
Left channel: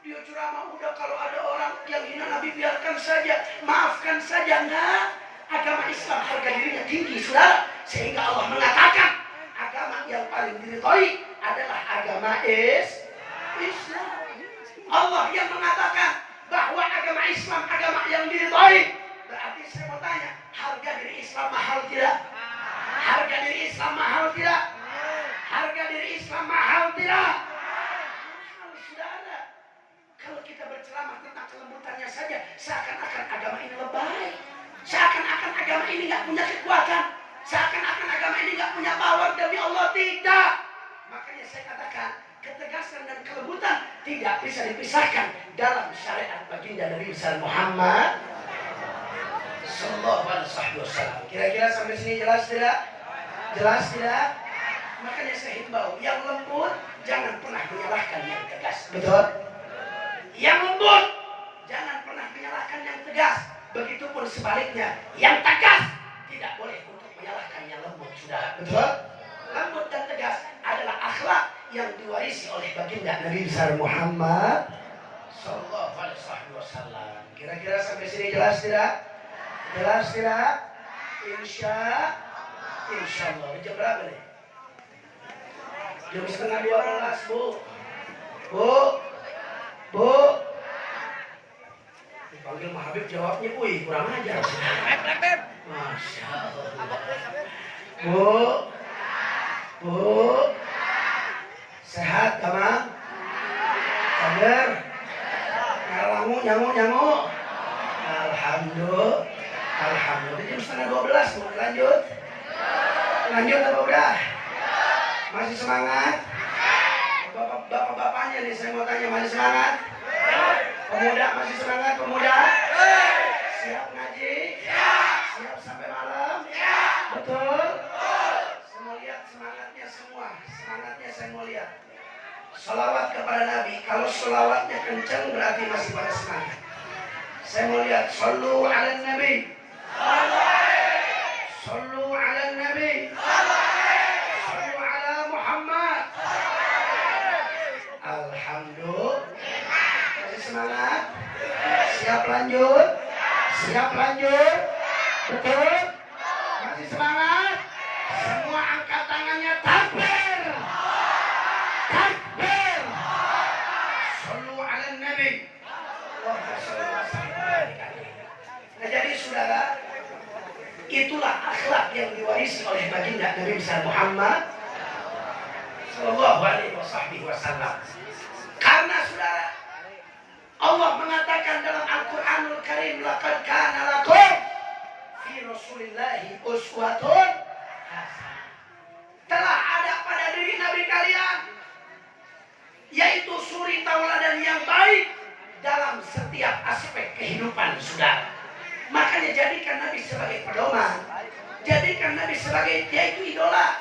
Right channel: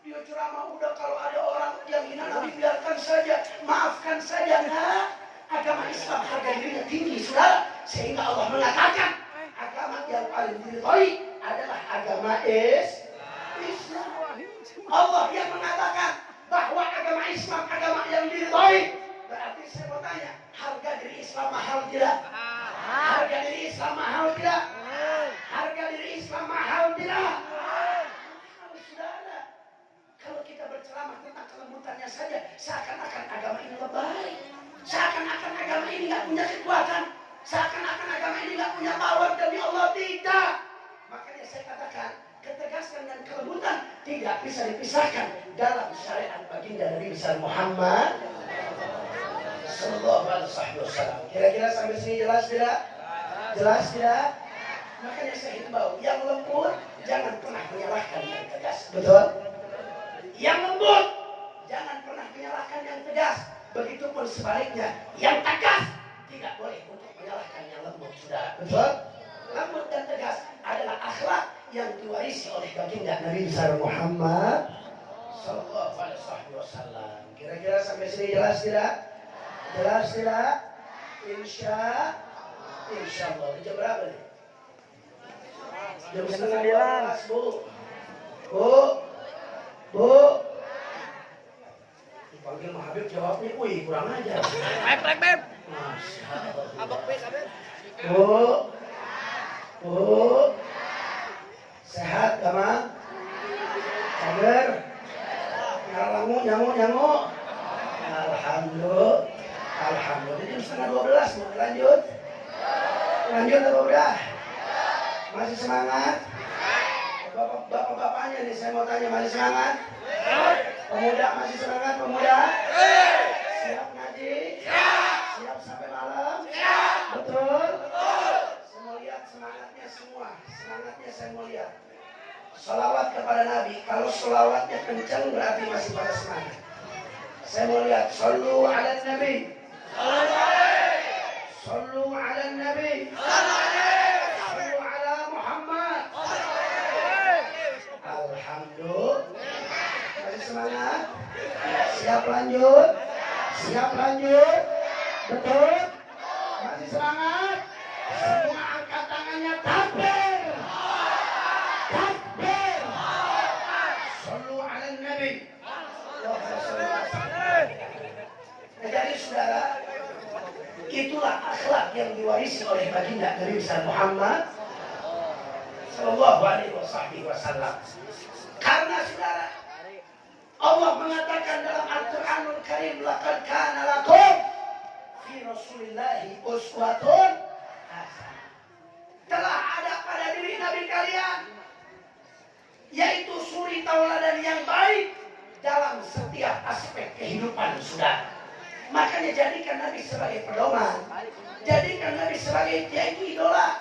Dia ceramah udah, kalau ada orang yang hina Nabi biarkan saja, maafkan saja. Nah, agama Islam harga dirinya tinggi saudara, sehingga Allah mengatakan agama yang paling diridhoi adalah agama Islam. Allah yang mengatakan bahwa agama Islam agama yang diridhoi. Berarti saya mau tanya, harga diri Islam mahal tidak? Harga diri Islam mahal tidak? Harga diri Islam mahal tidak? Saudara, kalau kita berceramah tentang kelembutannya saja, seakan-akan agama ini lebay, seakan-akan agama ini nggak punya kekuatan, seakan-akan agama ini nggak punya power demi Allah. Tidak. Makanya saya katakan, ketegasan dan kelembutan tidak bisa dipisahkan dalam syariat baginda Nabi besar Muhammad sallallahu alaihi wasallam. Kira-kira sampai sini jelas tidak? Jelas tidak? Makanya saya himbau, yang lembut jangan pernah menyalahkan yang tegas. Betul? Yang lembut jangan pernah menyalahkan yang tegas. Begitupun sebaliknya, yang tegas tidak boleh untuk menyalahkan yang lembut. Sudah, betul? Lembut dan tegas adalah akhlak yang diwarisi oleh baginda Nabi besar Muhammad sallallahu alaihi wasallam. Kira-kira sampai sini jelas tidak? Jelas tidak? Insya Allah. Jam berapa nih? Jam 11:30, Bu. Dipanggil Pak Habib jawabnya, wih kurang ajar. Masya Allah. Bu. Sehat Kamang? Kader? Ngalamu nyamuk? Alhamdulillah. Jam 11:30 mau lanjut? Lanjut apa udah? Masih semangat? Bapak-bapaknya nih saya mau tanya, masih semangat? Pemuda masih semangat pemuda? Siap ngaji? Siap sampai malam? Betul? Saya mau lihat semangatnya semua. Semangatnya saya mau lihat. Salawat kepada Nabi. Kalau salawatnya kencang berarti masih pada semangat. Saya mau lihat. Sallu ala Nabi. Sallu ala Nabi. Sallu ala Muhammad. Alhamdulillah. Masih semangat? Siap lanjut? Betul? Masih semangat? Semua angkat tangannya, takbir. Sallu ala Nabi. Nah jadi saudara, itulah akhlak yang diwarisi oleh baginda Nabi besar Muhammad Sallallahu Alaihi Wasallam. Karena saudara, Allah mengatakan dalam Al-Quranul Karim, laqad kana lakum fi Rasulillahi uswatun hasanah. Telah ada pada diri Nabi kalian, yaitu suri tauladan yang baik dalam setiap aspek kehidupan saudara. Makanya jadikan Nabi sebagai pedoman, jadikan Nabi sebagai yaitu idola,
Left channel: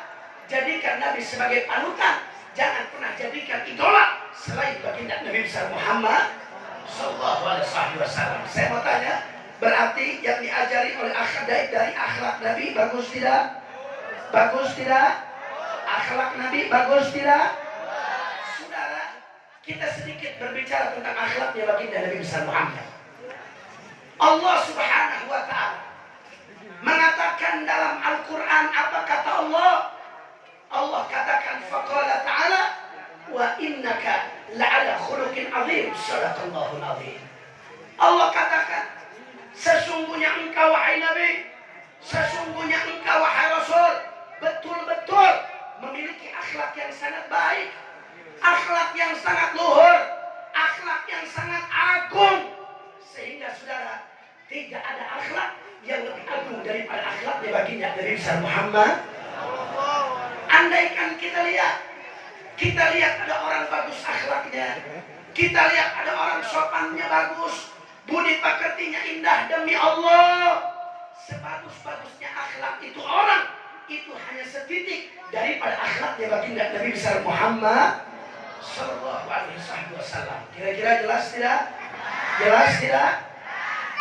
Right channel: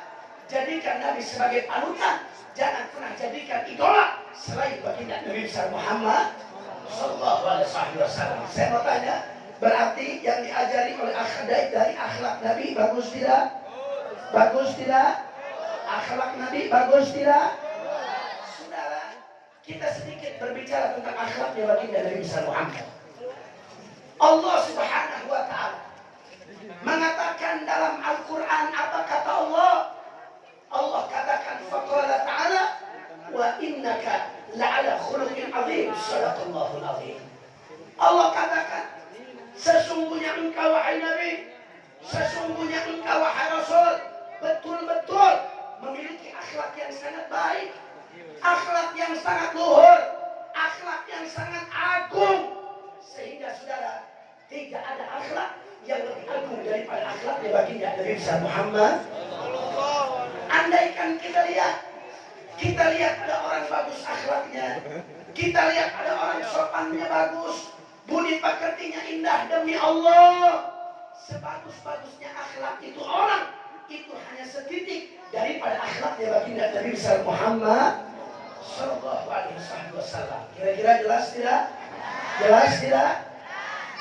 jadikan Nabi sebagai panutan. Jangan pernah jadikan idola selain baginda Nabi besar Muhammad Sallallahu Alaihi Wasallam. Saya mau tanya, berarti yang diajari oleh Akhadaib dari akhlak Nabi bagus tidak? Bagus tidak? Akhlak Nabi bagus tidak? Saudara, kita sedikit berbicara tentang akhlaknya baginda Nabi besar Muhammad. Allah Subhanahu wa Ta'ala mengatakan dalam Al-Quran, apa kata Allah? Allah katakan, faqala ta'ala wa innaka la'ala khuluqin azim. Sadaqallahul azim. Allah katakan, sesungguhnya engkau wahai Nabi, sesungguhnya engkau wahai Rasul, betul-betul memiliki akhlak yang sangat baik, akhlak yang sangat luhur, akhlak yang sangat agung. Sehingga saudara, tidak ada akhlak yang lebih agung daripada akhlaknya baginda Nabi besar Muhammad. Andaikan kita lihat ada orang bagus akhlaknya, kita lihat ada orang sopannya bagus, budi pekertinya indah, demi Allah, sebagus-bagusnya akhlak itu orang, itu hanya setitik daripada akhlaknya baginda Nabi besar Muhammad Sallallahu Alaihi Wasallam. Kira-kira jelas tidak? Jelas tidak?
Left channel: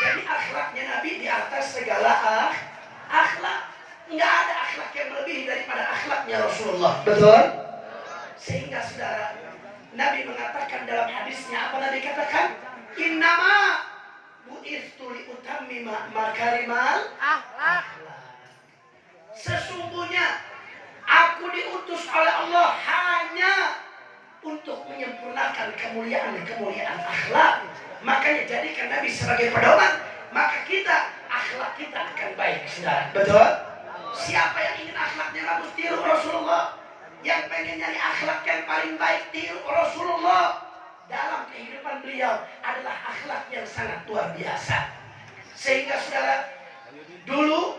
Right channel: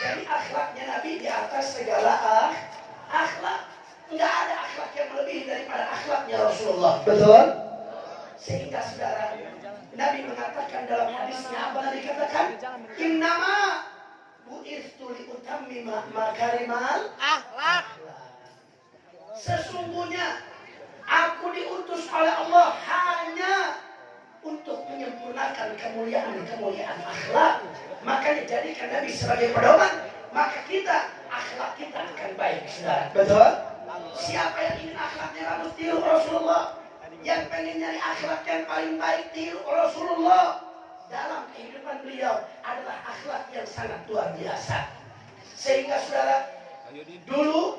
Jadi akhlaknya Nabi di atas segala akhlak. Enggak ada akhlak yang lebih daripada akhlaknya Rasulullah. Betul? Sehingga saudara, Nabi mengatakan dalam hadisnya, apa Nabi katakan? Innama bu'ithtu liutammima makarimal akhlak. Sesungguhnya aku diutus oleh Allah hanya untuk menyempurnakan kemuliaan akhlak. Makanya jadikan Nabi sebagai pedoman, maka akhlak kita akan baik, saudara. Betul? Siapa yang ingin akhlaknya bagus, tiru Rasulullah. Yang pengen nyari akhlak yang paling baik, tiru Rasulullah. Dalam kehidupan beliau adalah akhlak yang sangat luar biasa. Sehingga saudara, dulu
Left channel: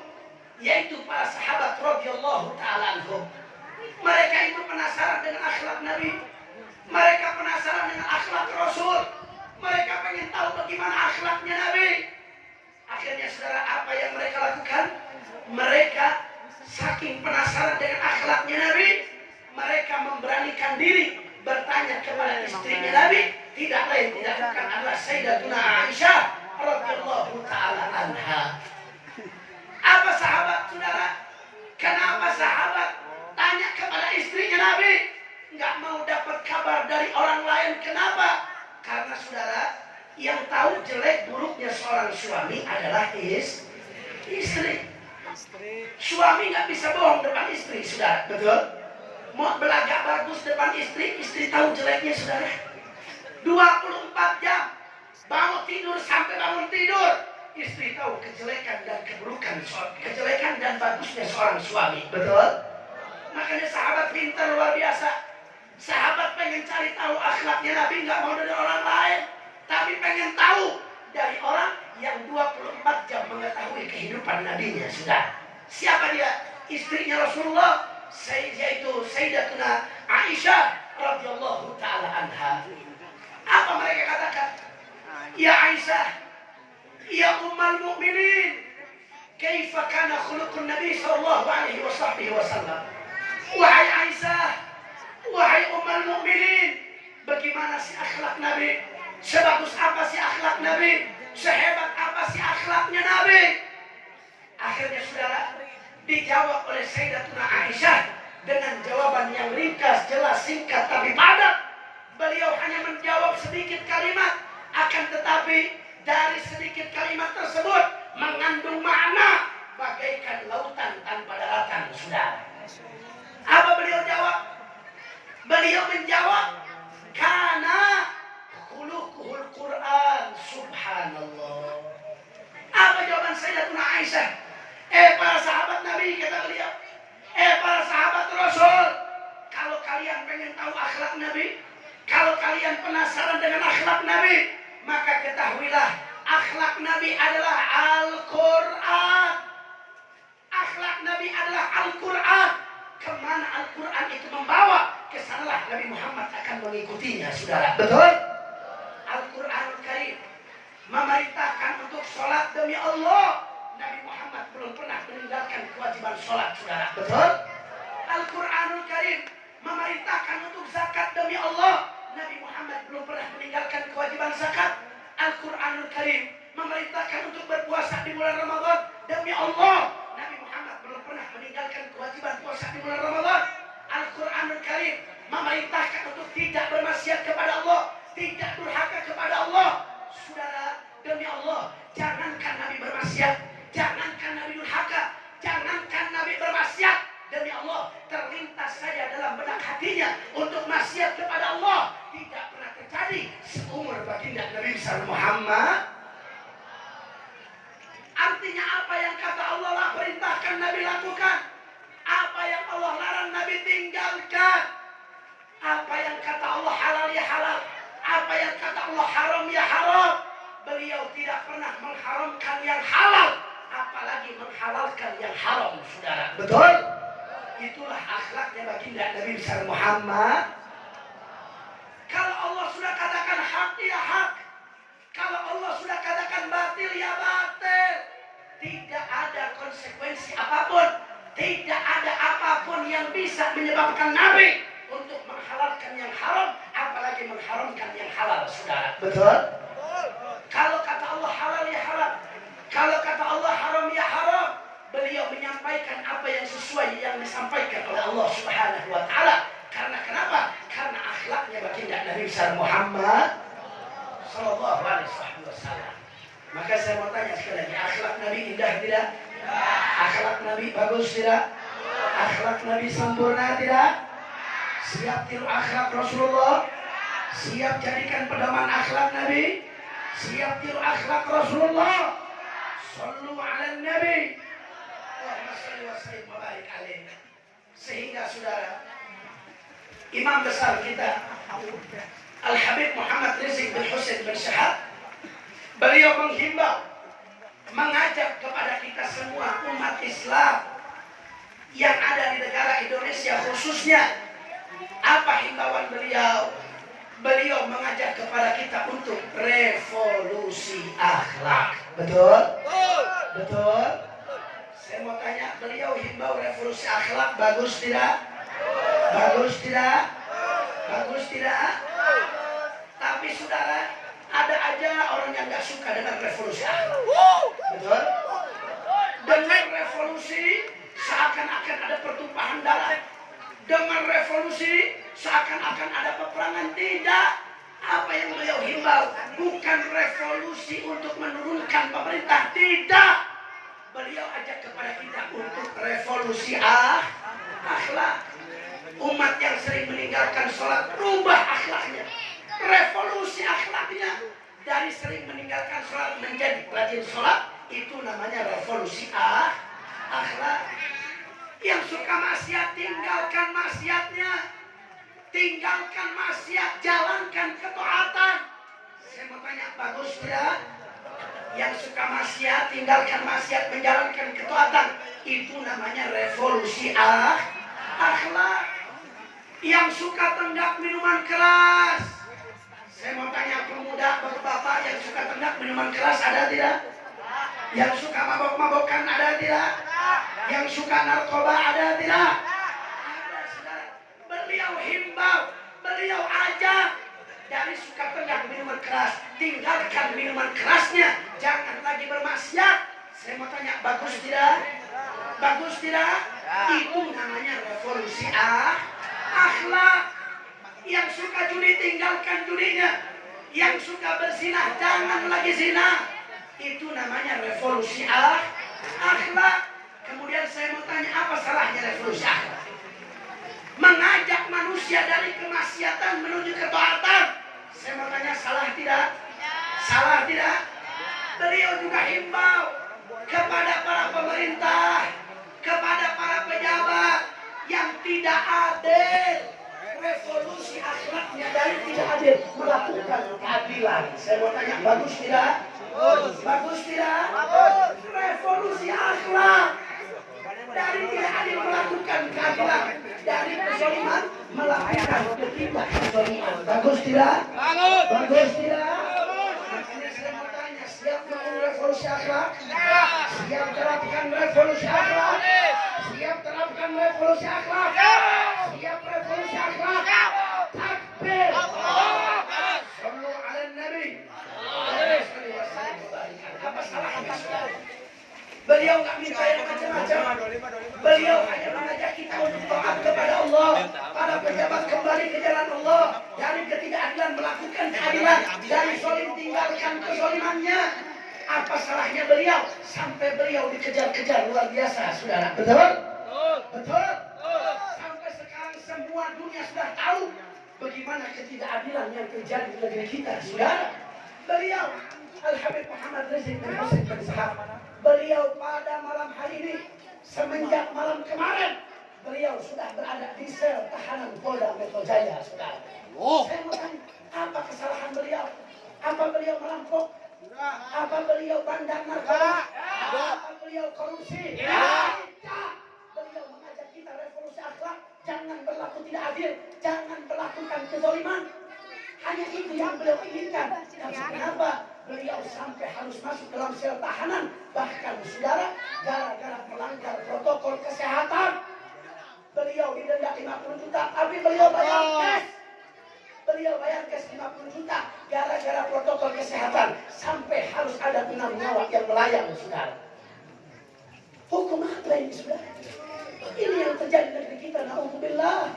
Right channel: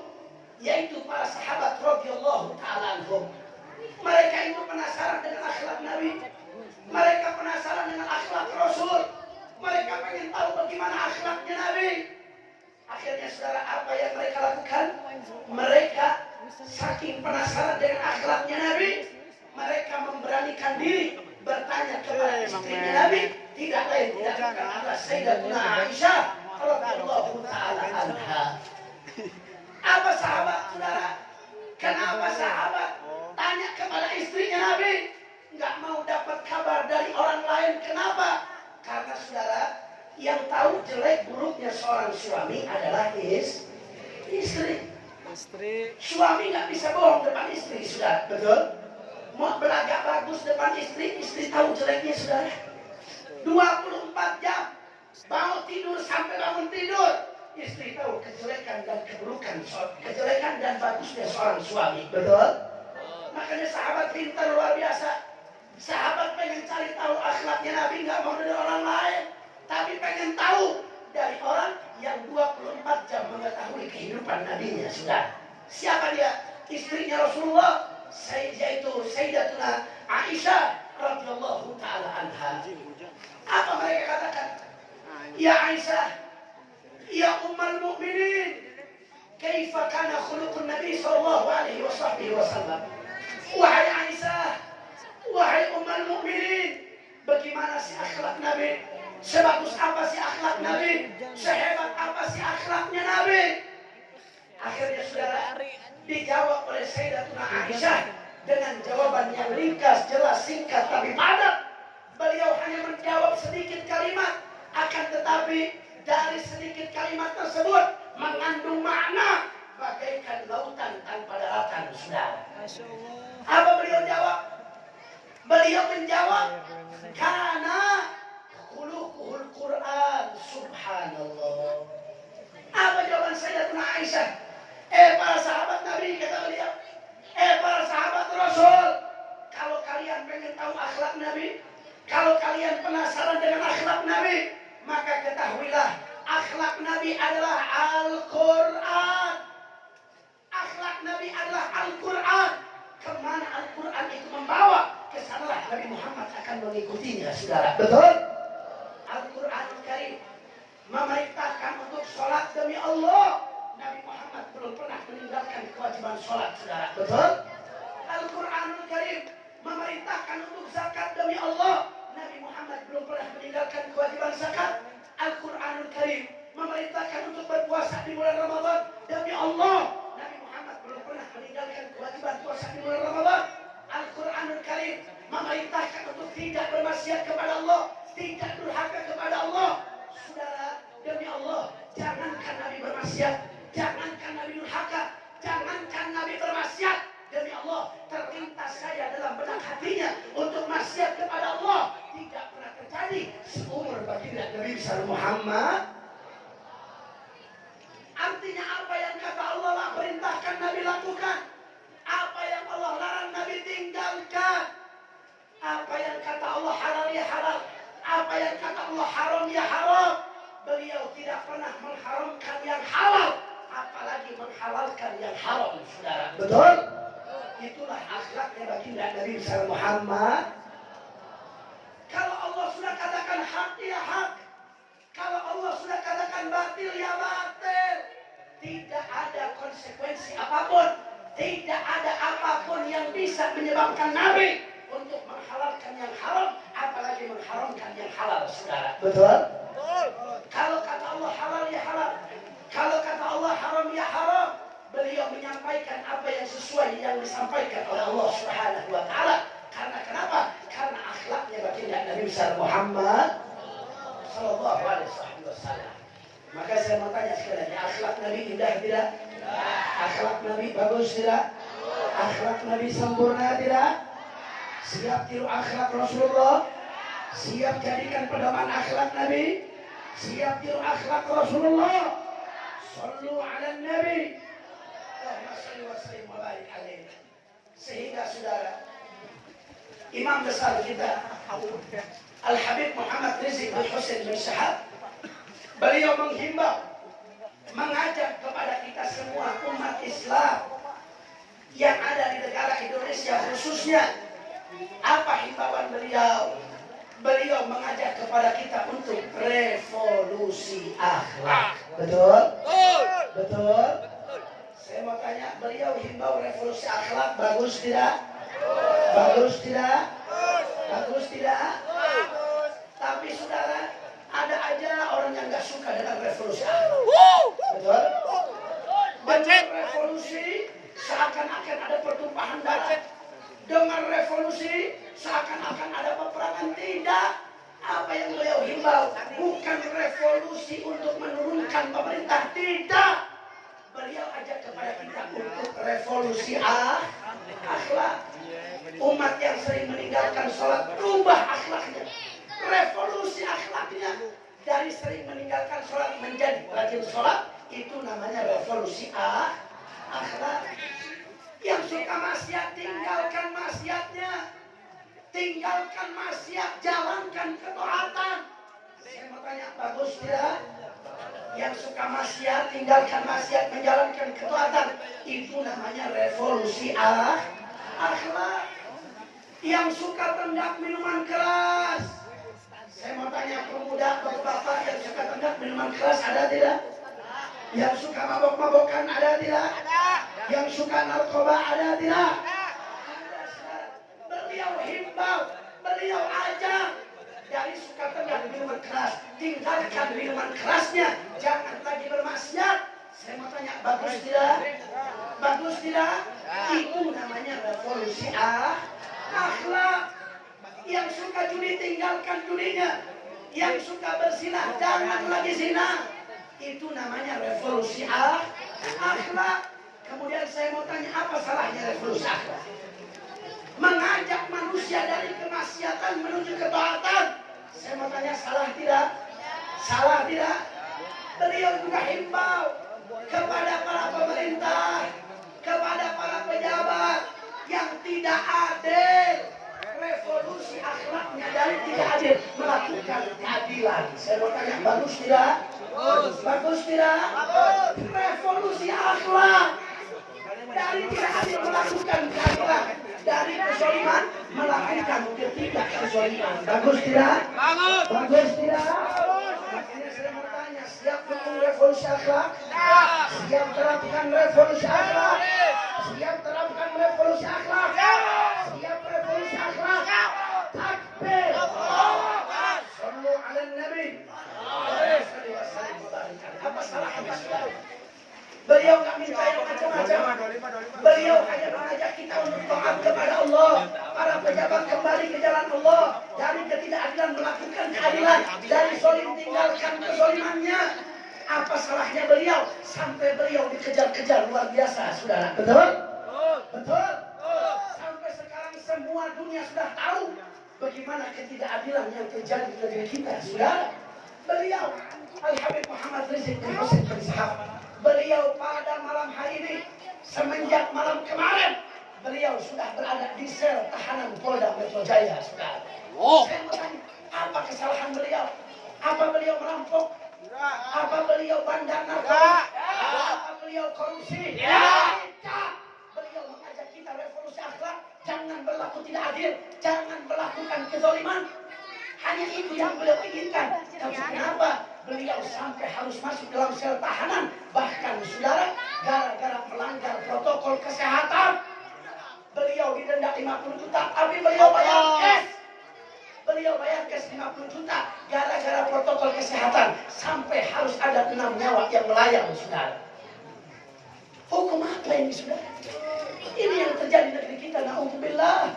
yaitu para sahabat radhiyallahu ta'ala anhum, mereka itu penasaran dengan akhlak Nabi, mereka penasaran dengan akhlak Rasul, mereka pengen tahu bagaimana akhlaknya Nabi. Akhirnya saudara, apa yang mereka lakukan? Mereka saking penasaran dengan akhlaknya Nabi, mereka memberanikan diri bertanya kepada istrinya Nabi, tidak lain tidak bukan adalah Sayyidatuna Aisyah radhiyallahu ta'ala anha. Apa sahabat saudara? Kenapa sahabat tanya kepada istrinya Nabi? Nggak mau dapat kabar dari orang lain. Kenapa? Karena saudara, yang tahu jelek buruknya seorang suami adalah istri. Suami nggak bisa bohong depan istri, saudara. Betul? Mau belagak bagus depan istri tahu jeleknya, saudara. 24 jam bangun tidur sampai bangun tidur, istri tahu kejelekan dan keburukan, kejelekan dan bagusnya seorang suami. Betul? Makanya sahabat pintar luar biasa. Sahabat pengen cari tahu akhlaknya Nabi, nggak mau dari orang lain, tapi pengen tahu dari orang yang 24 jam mengetahui kehidupan Nabinya. Sudah. Siapa dia? Istrinya Rasulullah, yaitu Sayyidatuna Aisyah radhiyallahu ta'ala anha. Apa mereka katakan? Ya Aisyah, ya Ummul Mukminin, kaifa kana khuluqun Nabi sallallahu alaihi wasallam. Wahai Aisyah, wahai Ummul Mukminin, bagaimana sih akhlak Nabi? Sebagus apa sih akhlak Nabi? Sehebat apa sih akhlaknya Nabi? Akhirnya saudara, dijawab oleh Sayyidatuna Aisyah dengan jawaban yang ringkas, jelas, singkat, tapi padat. Beliau hanya menjawab sedikit kalimat, akan tetapi dari sedikit kalimat tersebut mengandung makna bagaikan lautan tanpa daratan, saudara. Apa beliau jawab? Beliau menjawab, karena khuluquhul Quran, subhanallah. Apa jawaban Sayyidatuna Aisyah? Para sahabat Nabi, kata beliau, para sahabat Rasul, kalau kalian pengen tahu akhlak Nabi, kalau kalian penasaran dengan akhlak Nabi, maka ketahuilah akhlak Nabi adalah Al-Quran. Akhlak Nabi adalah Al-Quran. Kemana Al-Quran itu membawa, kesanalah Nabi Muhammad akan mengikutinya, saudara. Betul? Al-Quranul Karim memerintahkan untuk sholat demi Allah. Nabi Muhammad belum pernah meninggalkan kewajiban sholat, saudara. Betul? Al-Quranul Karim memerintahkan untuk zakat demi Allah. Nabi Muhammad belum pernah meninggalkan kewajiban zakat. Al-Quranul Karim memerintahkan untuk berpuasa di bulan Ramadan demi Allah. Nabi Muhammad belum pernah meninggalkan kewajiban puasa di bulan Ramadan. Al-Quranul Karim memerintahkan untuk tidak bermaksiat kepada Allah, tidak durhaka kepada Allah. Saudara, demi Allah, jangankan Nabi bermaksiat, jangankan Nabi durhaka, jangankan Nabi bermaksiat, demi Allah, terlintas saja dalam benak hatinya untuk maksiat kepada Allah tidak pernah terjadi seumur baginda Nabi besar Muhammad. Artinya apa yang kata Allah lah perintahkan Nabi lakukan, apa yang Allah larang Nabi tinggalkan, apa yang kata Allah halal ya halal, apa yang kata Allah haram ya haram. Beliau tidak pernah mengharamkan yang halal, apalagi menghalalkan yang haram, saudara. Betul? Itulah akhlaknya baginda Nabi besar Muhammad. Kalau Allah sudah katakan hak ya hak, kalau Allah sudah katakan batil ya batil, tidak ada konsekuensi apapun, tidak ada apapun yang bisa menyebabkan Nabi untuk menghalalkan yang haram, apalagi mengharamkan yang halal, saudara. Betul? Kalau kata Allah halal ya halal, kalau kata Allah haram ya haram, beliau menyampaikan apa yang sesuai yang disampaikan oleh Allah Subhanahu wa taala. Karena kenapa? Karena akhlaknya baginda Nabi besar Muhammad sallallahu alaihi wasallam. Maka saya mau tanya sekali lagi, akhlak Nabi indah tidak? Akhlak Nabi bagus tidak? Akhlak Nabi sempurna tidak? Siap tiru akhlak Rasulullah? Siap jadikan pedoman akhlak Nabi? Siap tiru akhlak Rasulullah? Sallu ala Nabi. Allahumma salli wa sallim wa barik alaihi. Sehingga saudara, imam besar kita Al-Habib Muhammad Rizieq bin Husain bin Syahab, beliau menghimbau, mengajak kepada kita semua umat Islam yang ada di negara Indonesia khususnya. Apa himbauan beliau? Beliau mengajak kepada kita untuk revolusi akhlak. Betul? Betul? Saya mau tanya, beliau himbau revolusi akhlak, bagus tidak? Bagus tidak? Bagus tidak? Tapi saudara, ada aja orang yang gak suka dengan revolusi akhlak. Betul? Dengan revolusi seakan-akan ada pertumpahan darah. Dengan revolusi seakan-akan ada peperangan. Tidak. Apa yang beliau himbau bukan revolusi untuk menurunkan pemerintah. Tidak. Beliau ajak kepada kita untuk revolusi akhlak. Umat yang sering meninggalkan sholat, rubah akhlaknya. Revolusi akhlaknya. Dari sering meninggalkan sholat menjadi rajin sholat, itu namanya revolusi akhlak. Yang suka maksiat, tinggalkan maksiatnya. Tinggalkan maksiat, jalankan ketaatan. Saya mau tanya, bagus tidak? Yang suka maksiat, tinggalkan maksiat, menjalankan ketaatan, itu namanya revolusi akhlak. Yang suka tenggak minuman keras, saya mau tanya, pemuda bapak-bapak yang suka tenggak minuman keras ada tidak? Yang suka mabok-mabokan ada tidak? Yang suka narkoba ada tidak? Ada, saudara. Beliau himbau, beliau ajak, dari suka tenggak minuman keras, tinggalkan minuman kerasnya, jangan lagi bermaksiat. Saya mau tanya, bagus tidak? Bagus tidak? Itu namanya revolusi akhlak. Yang suka judi, tinggalkan judinya. Yang suka berzina, jangan lagi zina. Itu namanya revolusi akhlak. Kemudian saya mau tanya, apa salahnya revolusi akhlak? Mengajak manusia dari kemaksiatan menuju ketaatan. Saya mau tanya, salah tidak? Salah tidak? Beliau juga himbau kepada para pemerintah, kepada para pejabat yang tidak adil keadilan. Saya mau tanya, bagus tidak? Bagus tidak? Revolusi akhlak. Dari tidak adil melakukan keadilan, dari kezaliman melakukan ketidakkezaliman. Bagus tidak? Bagus tidak? Makanya saya mau tanya, siap melakukan revolusi akhlak? Siap terapkan revolusi akhlak? Siap terapkan revolusi akhlak? Siap revolusi akhlak? Takbir! Sallu ala Nabi. Apa salahnya? Beliau nggak minta yang macam-macam. Beliau hanya mengajak kita untuk taat kepada Allah. Para pejabat kembali ke jalan Allah. Dari ketidakadilan melakukan keadilan. Dari zalim tinggalkan kezalimannya. Apa salahnya beliau? Sampai beliau dikejar-kejar luar biasa, saudara. Betul? Betul? Sampai sekarang semua dunia sudah tahu bagaimana ketidakadilan yang terjadi di negeri kita, saudara. Beliau Al-Habib Muhammad Rizik bin Hussein bin Sahab. Beliau pada malam hari ini, semenjak malam kemarin, beliau sudah berada di sel tahanan Polda Metro Jaya, saudara. Saya mau tanya, apa kesalahan beliau? Apa beliau merampok? Apa beliau bandar narkoba? Apa beliau korupsi? Tidak. Beliau mengajak kita revolusi akhlak, jangan berlaku tidak adil, jangan melakukan kezaliman. Hanya itu yang beliau inginkan. Tapi kenapa beliau sampai harus masuk dalam sel tahanan? Bahkan saudara, gara-gara melanggar protokol kesehatan, beliau didenda 50 juta. Tapi beliau bayar cash. Beliau bayar cash 50 juta. Gara-gara protokol kesehatan, sampai harus ada 6 nyawa yang melayang, saudara. Hukum apa ini, saudara? Ini yang terjadi di negeri kita. Na'udzubillah.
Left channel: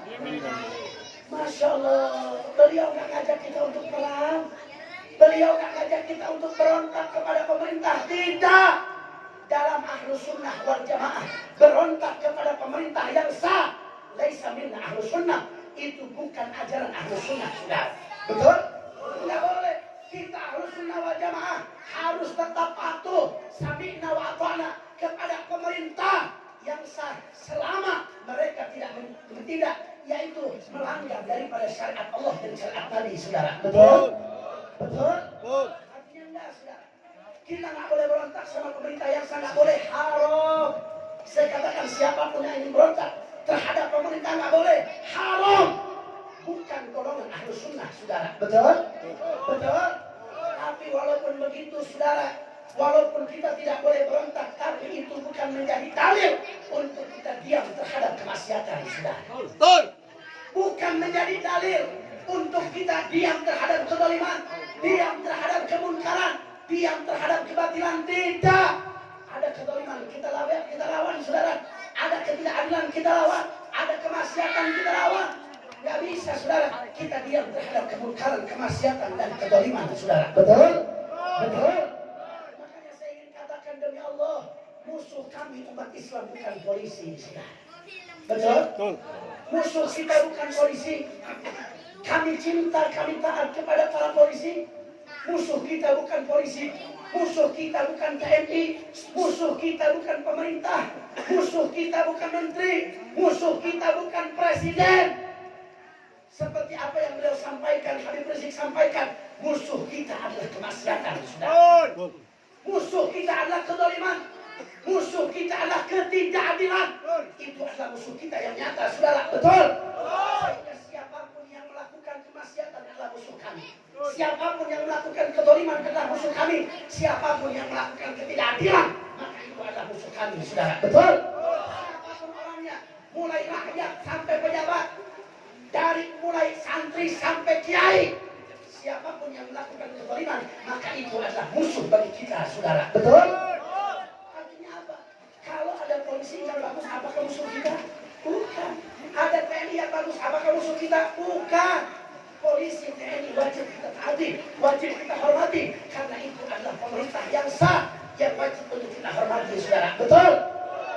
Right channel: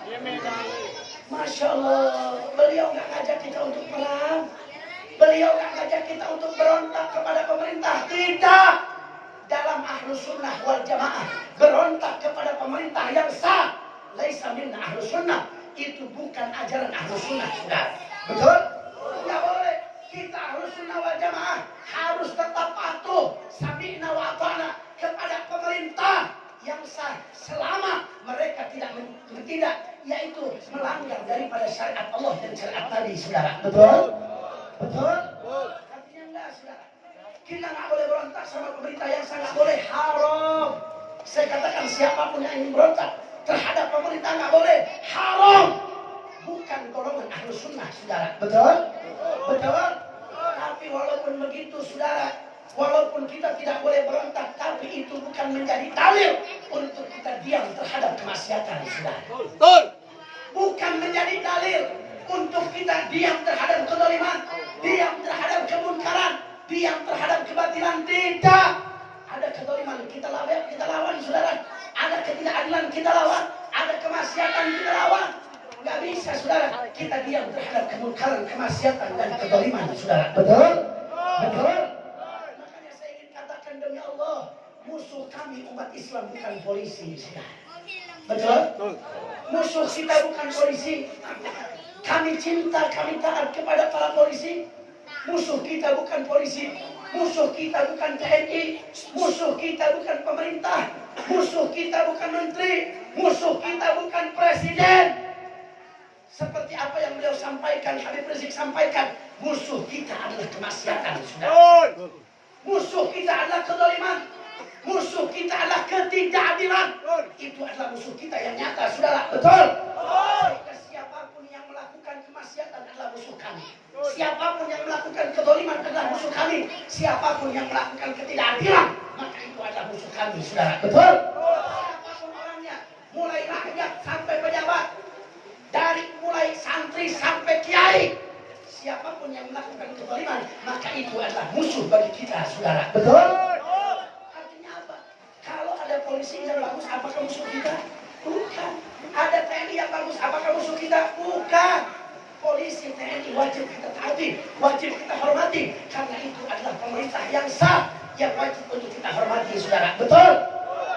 Masya Allah, beliau nggak ngajak kita untuk perang. Beliau nggak ngajak kita untuk berontak kepada pemerintah. Tidak. Dalam Ahlus Sunnah wal Jamaah, berontak kepada pemerintah yang sah, laisa minna Ahlus Sunnah. Itu bukan ajaran Ahlus Sunnah, saudara. Betul? Nggak boleh. Kita Ahlus Sunnah wal Jamaah harus tetap patuh, sami'na wa ata'na kepada pemerintah yang sah selama mereka tidak yaitu melanggar daripada syariat Allah dan syariat Nabi, saudara. Betul? Betul? Artinya enggak, saudara. Kita nggak boleh berontak sama pemerintah yang sangat boleh, haram. Saya katakan siapapun yang ingin berontak terhadap pemerintah nggak boleh, haram. Bukan golongan Ahlus Sunnah, saudara. Betul? Betul? Tapi walaupun begitu, saudara, walaupun kita tidak boleh berontak, tapi itu bukan menjadi dalil untuk kita diam terhadap kemaksiatan, saudara. Betul. Bukan menjadi dalil untuk kita diam terhadap kezaliman, diam terhadap kemunkaran, diam terhadap kebatilan. Tidak. Ada kezaliman kita lawan, saudara. Ada ketidakadilan kita lawan, ada kemaksiatan kita lawan. Nggak bisa, saudara, kita diam terhadap kemunkaran, kemaksiatan dan kezaliman, saudara. Betul? Betul? Demi Allah, musuh kami umat Islam bukan polisi, saudara. Betul? Musuh kita bukan polisi. Kami cinta, kami taat kepada para polisi. Musuh kita bukan polisi. Musuh kita bukan TNI. Musuh kita bukan pemerintah. Musuh kita bukan menteri. Musuh kita bukan presiden. Seperti apa yang beliau sampaikan, Habib Rizik sampaikan, musuh kita adalah kemaksiatan, saudara. Musuh kita adalah kezaliman. Musuh kita adalah ketidakadilan. Itu adalah musuh kita yang nyata, saudara. Betul? Sehingga siapapun yang melakukan kemaksiatan adalah musuh kami. Siapapun yang melakukan kezaliman adalah musuh kami. Siapapun yang melakukan ketidakadilan, maka itu adalah musuh kami, saudara. Betul? Siapapun orangnya, mulai rakyat sampai pejabat, dari mulai santri sampai kiai, siapapun yang melakukan kezaliman, maka itu adalah musuh bagi kita, saudara. Betul? Artinya apa? Kalau ada polisi yang bagus, apakah musuh kita? Bukan. Ada TNI yang bagus, apakah musuh kita? Bukan. Polisi, TNI wajib kita taati, wajib kita hormati, karena itu adalah pemerintah yang sah, yang wajib untuk kita hormati, saudara. Betul?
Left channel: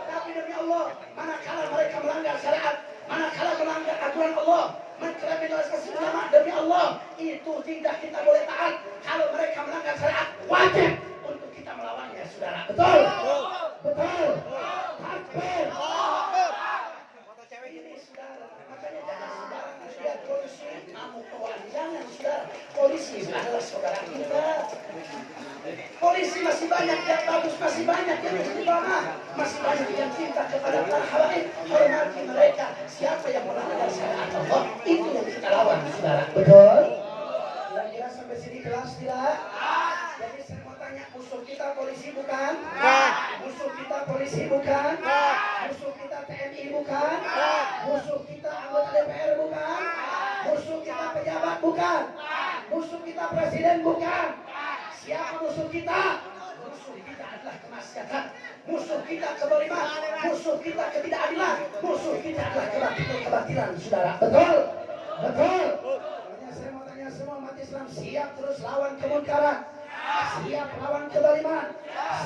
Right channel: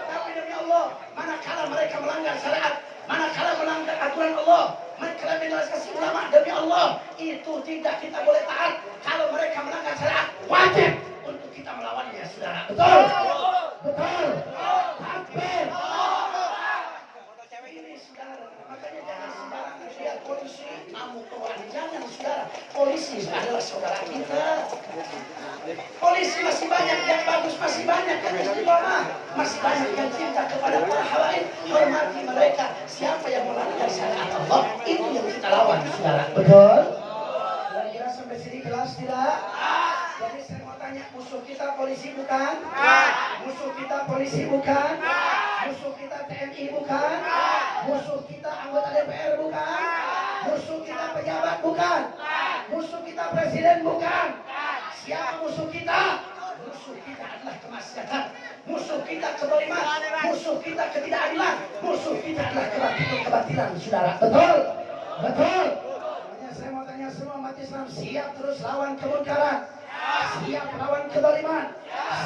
Tapi demi Allah, manakala mereka melanggar syariat, manakala melanggar aturan Allah, mengkriminalisasi ulama, demi Allah, itu tidak kita boleh taat. Kalau mereka melanggar syariat, wajib untuk kita melawannya, saudara. Betul? Betul? Takbir. Ini, saudara, makanya jangan sembarangan lihat polisi, kamu tuan. Jangan saudara. Polisi adalah saudara kita. Polisi masih banyak yang bagus, masih banyak yang istiqomah, masih banyak yang cinta kepada para habaib. Hormati mereka. Siapa yang melanggar syariat Allah, itu yang kita lawan, saudara. Betul? Kira-kira sampai sini kelas tidak? Jadi saya mau tanya, musuh kita polisi bukan? Musuh kita polisi bukan? Musuh kita TNI bukan? Musuh kita anggota DPR bukan? Musuh kita pejabat bukan? Musuh kita presiden bukan? Siapa musuh kita? Musuh kita adalah kemaksiatan. Musuh kita kezaliman. Musuh kita ketidakadilan. Musuh kita adalah kebatilan, saudara. Betul? Betul? Makanya saya mau tanya semua umat Islam, siap terus lawan kemunkaran, siap lawan kezaliman,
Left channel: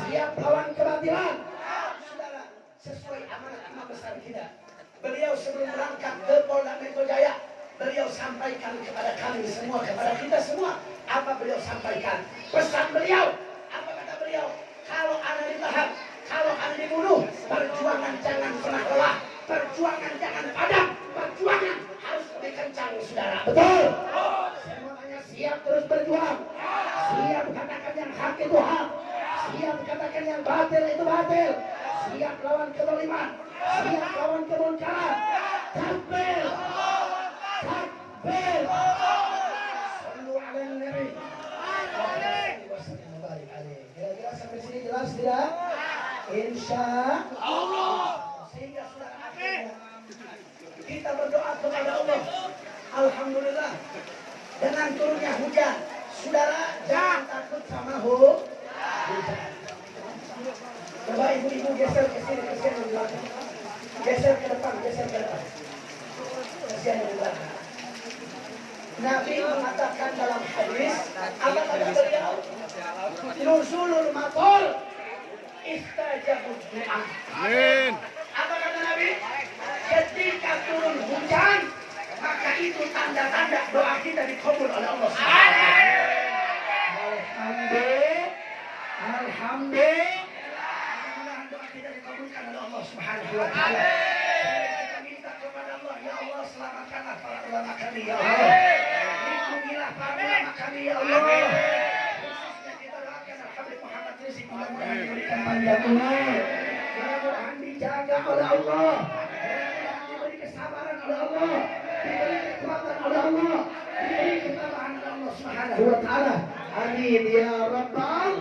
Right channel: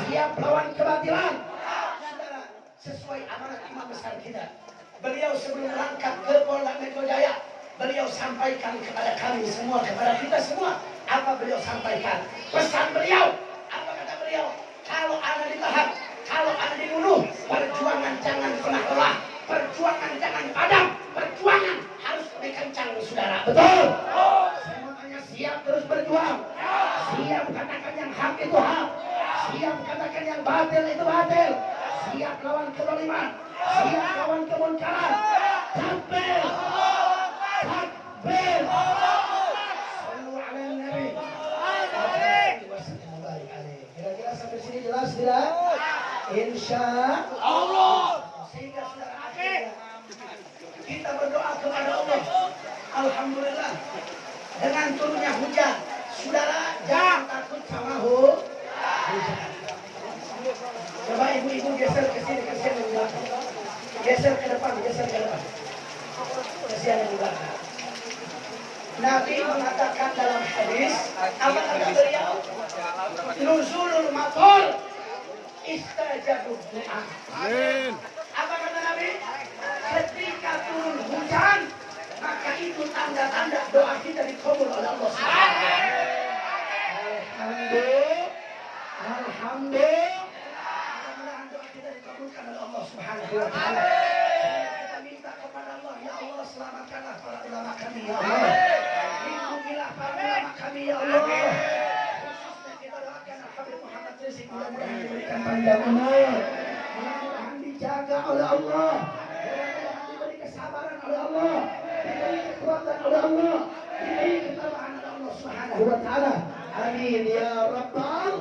siap lawan kebatilan. Saudara, sesuai amanat imam besar kita, beliau sebelum berangkat ke Polda Metro Jaya, beliau sampaikan kepada kami semua, kepada kita semua. Apa beliau sampaikan? Pesan beliau, apa kata beliau? Kalau Anda ditahan, kalau Anda dibunuh, perjuangan jangan pernah lelah, perjuangan jangan padam, perjuangan harus lebih kencang, saudara. Betul? Saya mau tanya, siap terus berjuang, siap katakan yang hak itu hak, siap katakan yang batil itu batil, siap lawan kezaliman, siap lawan kemunkaran. Takbir, takbir. Kira-kira sampai sini jelas tidak? Insya Allah. Sehingga saudara akhirnya kita berdoa kepada Allah. Alhamdulillah dengan turunnya hujan. Saudara jangan takut sama hujan. Coba ibu-ibu geser ke sini, geser ke belakang. Geser ke depan, geser ke depan. Geser ke belakang. Nabi mengatakan dalam hadis, apa kata beliau? Nuzulul matar istajabud du'a. Amin. Apa kata Nabi? Ketika turun hujan, maka itu tanda-tanda doa kita dikabul oleh Allah Subhanahu wa taala. Alhamdulillah. Mudah-mudahan doa kita dikabulkan oleh Allah Subhanahu wa taala. Kita minta kepada Allah, ya Allah selamatkanlah para ulama kami, ya Allah. Lindungilah para ulama kami, ya Allah. Khususnya kita doakan Habib Muhammad Rizki, mudah-mudahan diberikan panjang umur, mudah-mudahan dijaga oleh Allah, mudah-mudahan diberi kesabaran oleh Allah, diberi kekuatan oleh Allah, diberi ketabahan oleh Allah Subhanahu wa taala. Amin ya rabbal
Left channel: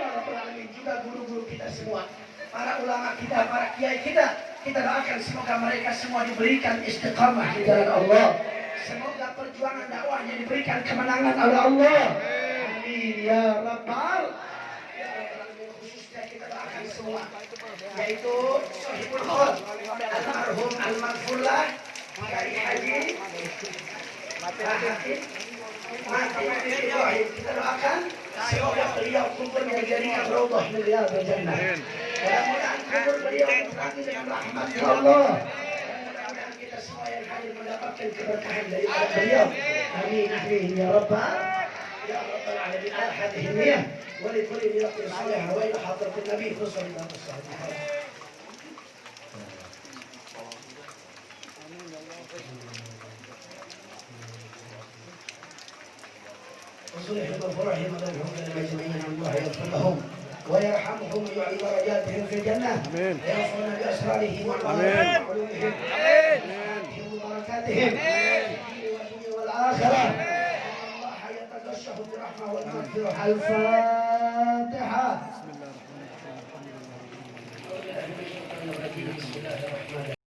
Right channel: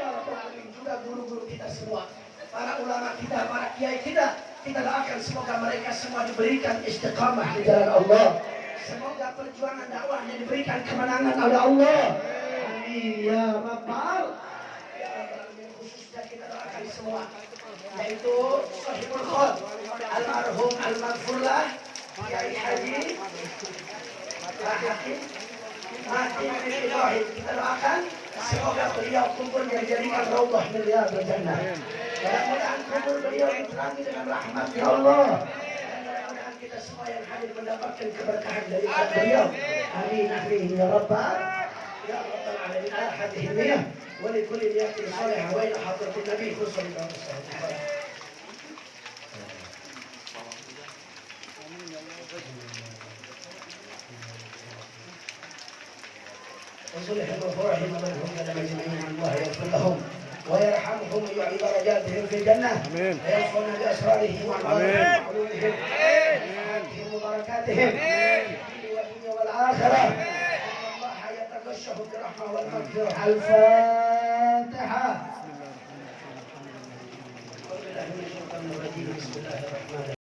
alamin. Juga guru-guru kita semua, para ulama kita, para kiai kita doakan semoga mereka semua diberikan istiqamah di jalan Allah. Semoga perjuangan dakwahnya diberikan kemenangan oleh Allah. Amin ya rabbal alamin. Khususnya kita doakan semua, yaitu Sahibul Khol almarhum almarfullah Kiai Haji Hakim Mati Ibrahim. Kita doakan semoga beliau kubur dijadikan raudhah min riyadhil jannah. Mudah-mudahan kubur beliau diterangi dengan rahmat ya Allah. Mudah-mudahan kita semua yang hadir mendapatkan keberkahan dari beliau. Amin amin ya rabbal alamin. Ala hadhihi niyyah wa li kulli niyyatin salihah wa ila hadratin nabi sallallahu alaihi wasallam. وصلهم وفرحهم ومنهم لنا جميعا. الله يغفر لهم ويرحمهم ويعلي درجاتهم في الجنه. امين. ويوصلنا باسرارهم وعلومهم وبركاتهم في الدنيا والاخره. ان الله يتغشه برحمه والمغفره. الفاتحه. بسم الله الرحمن الرحيم.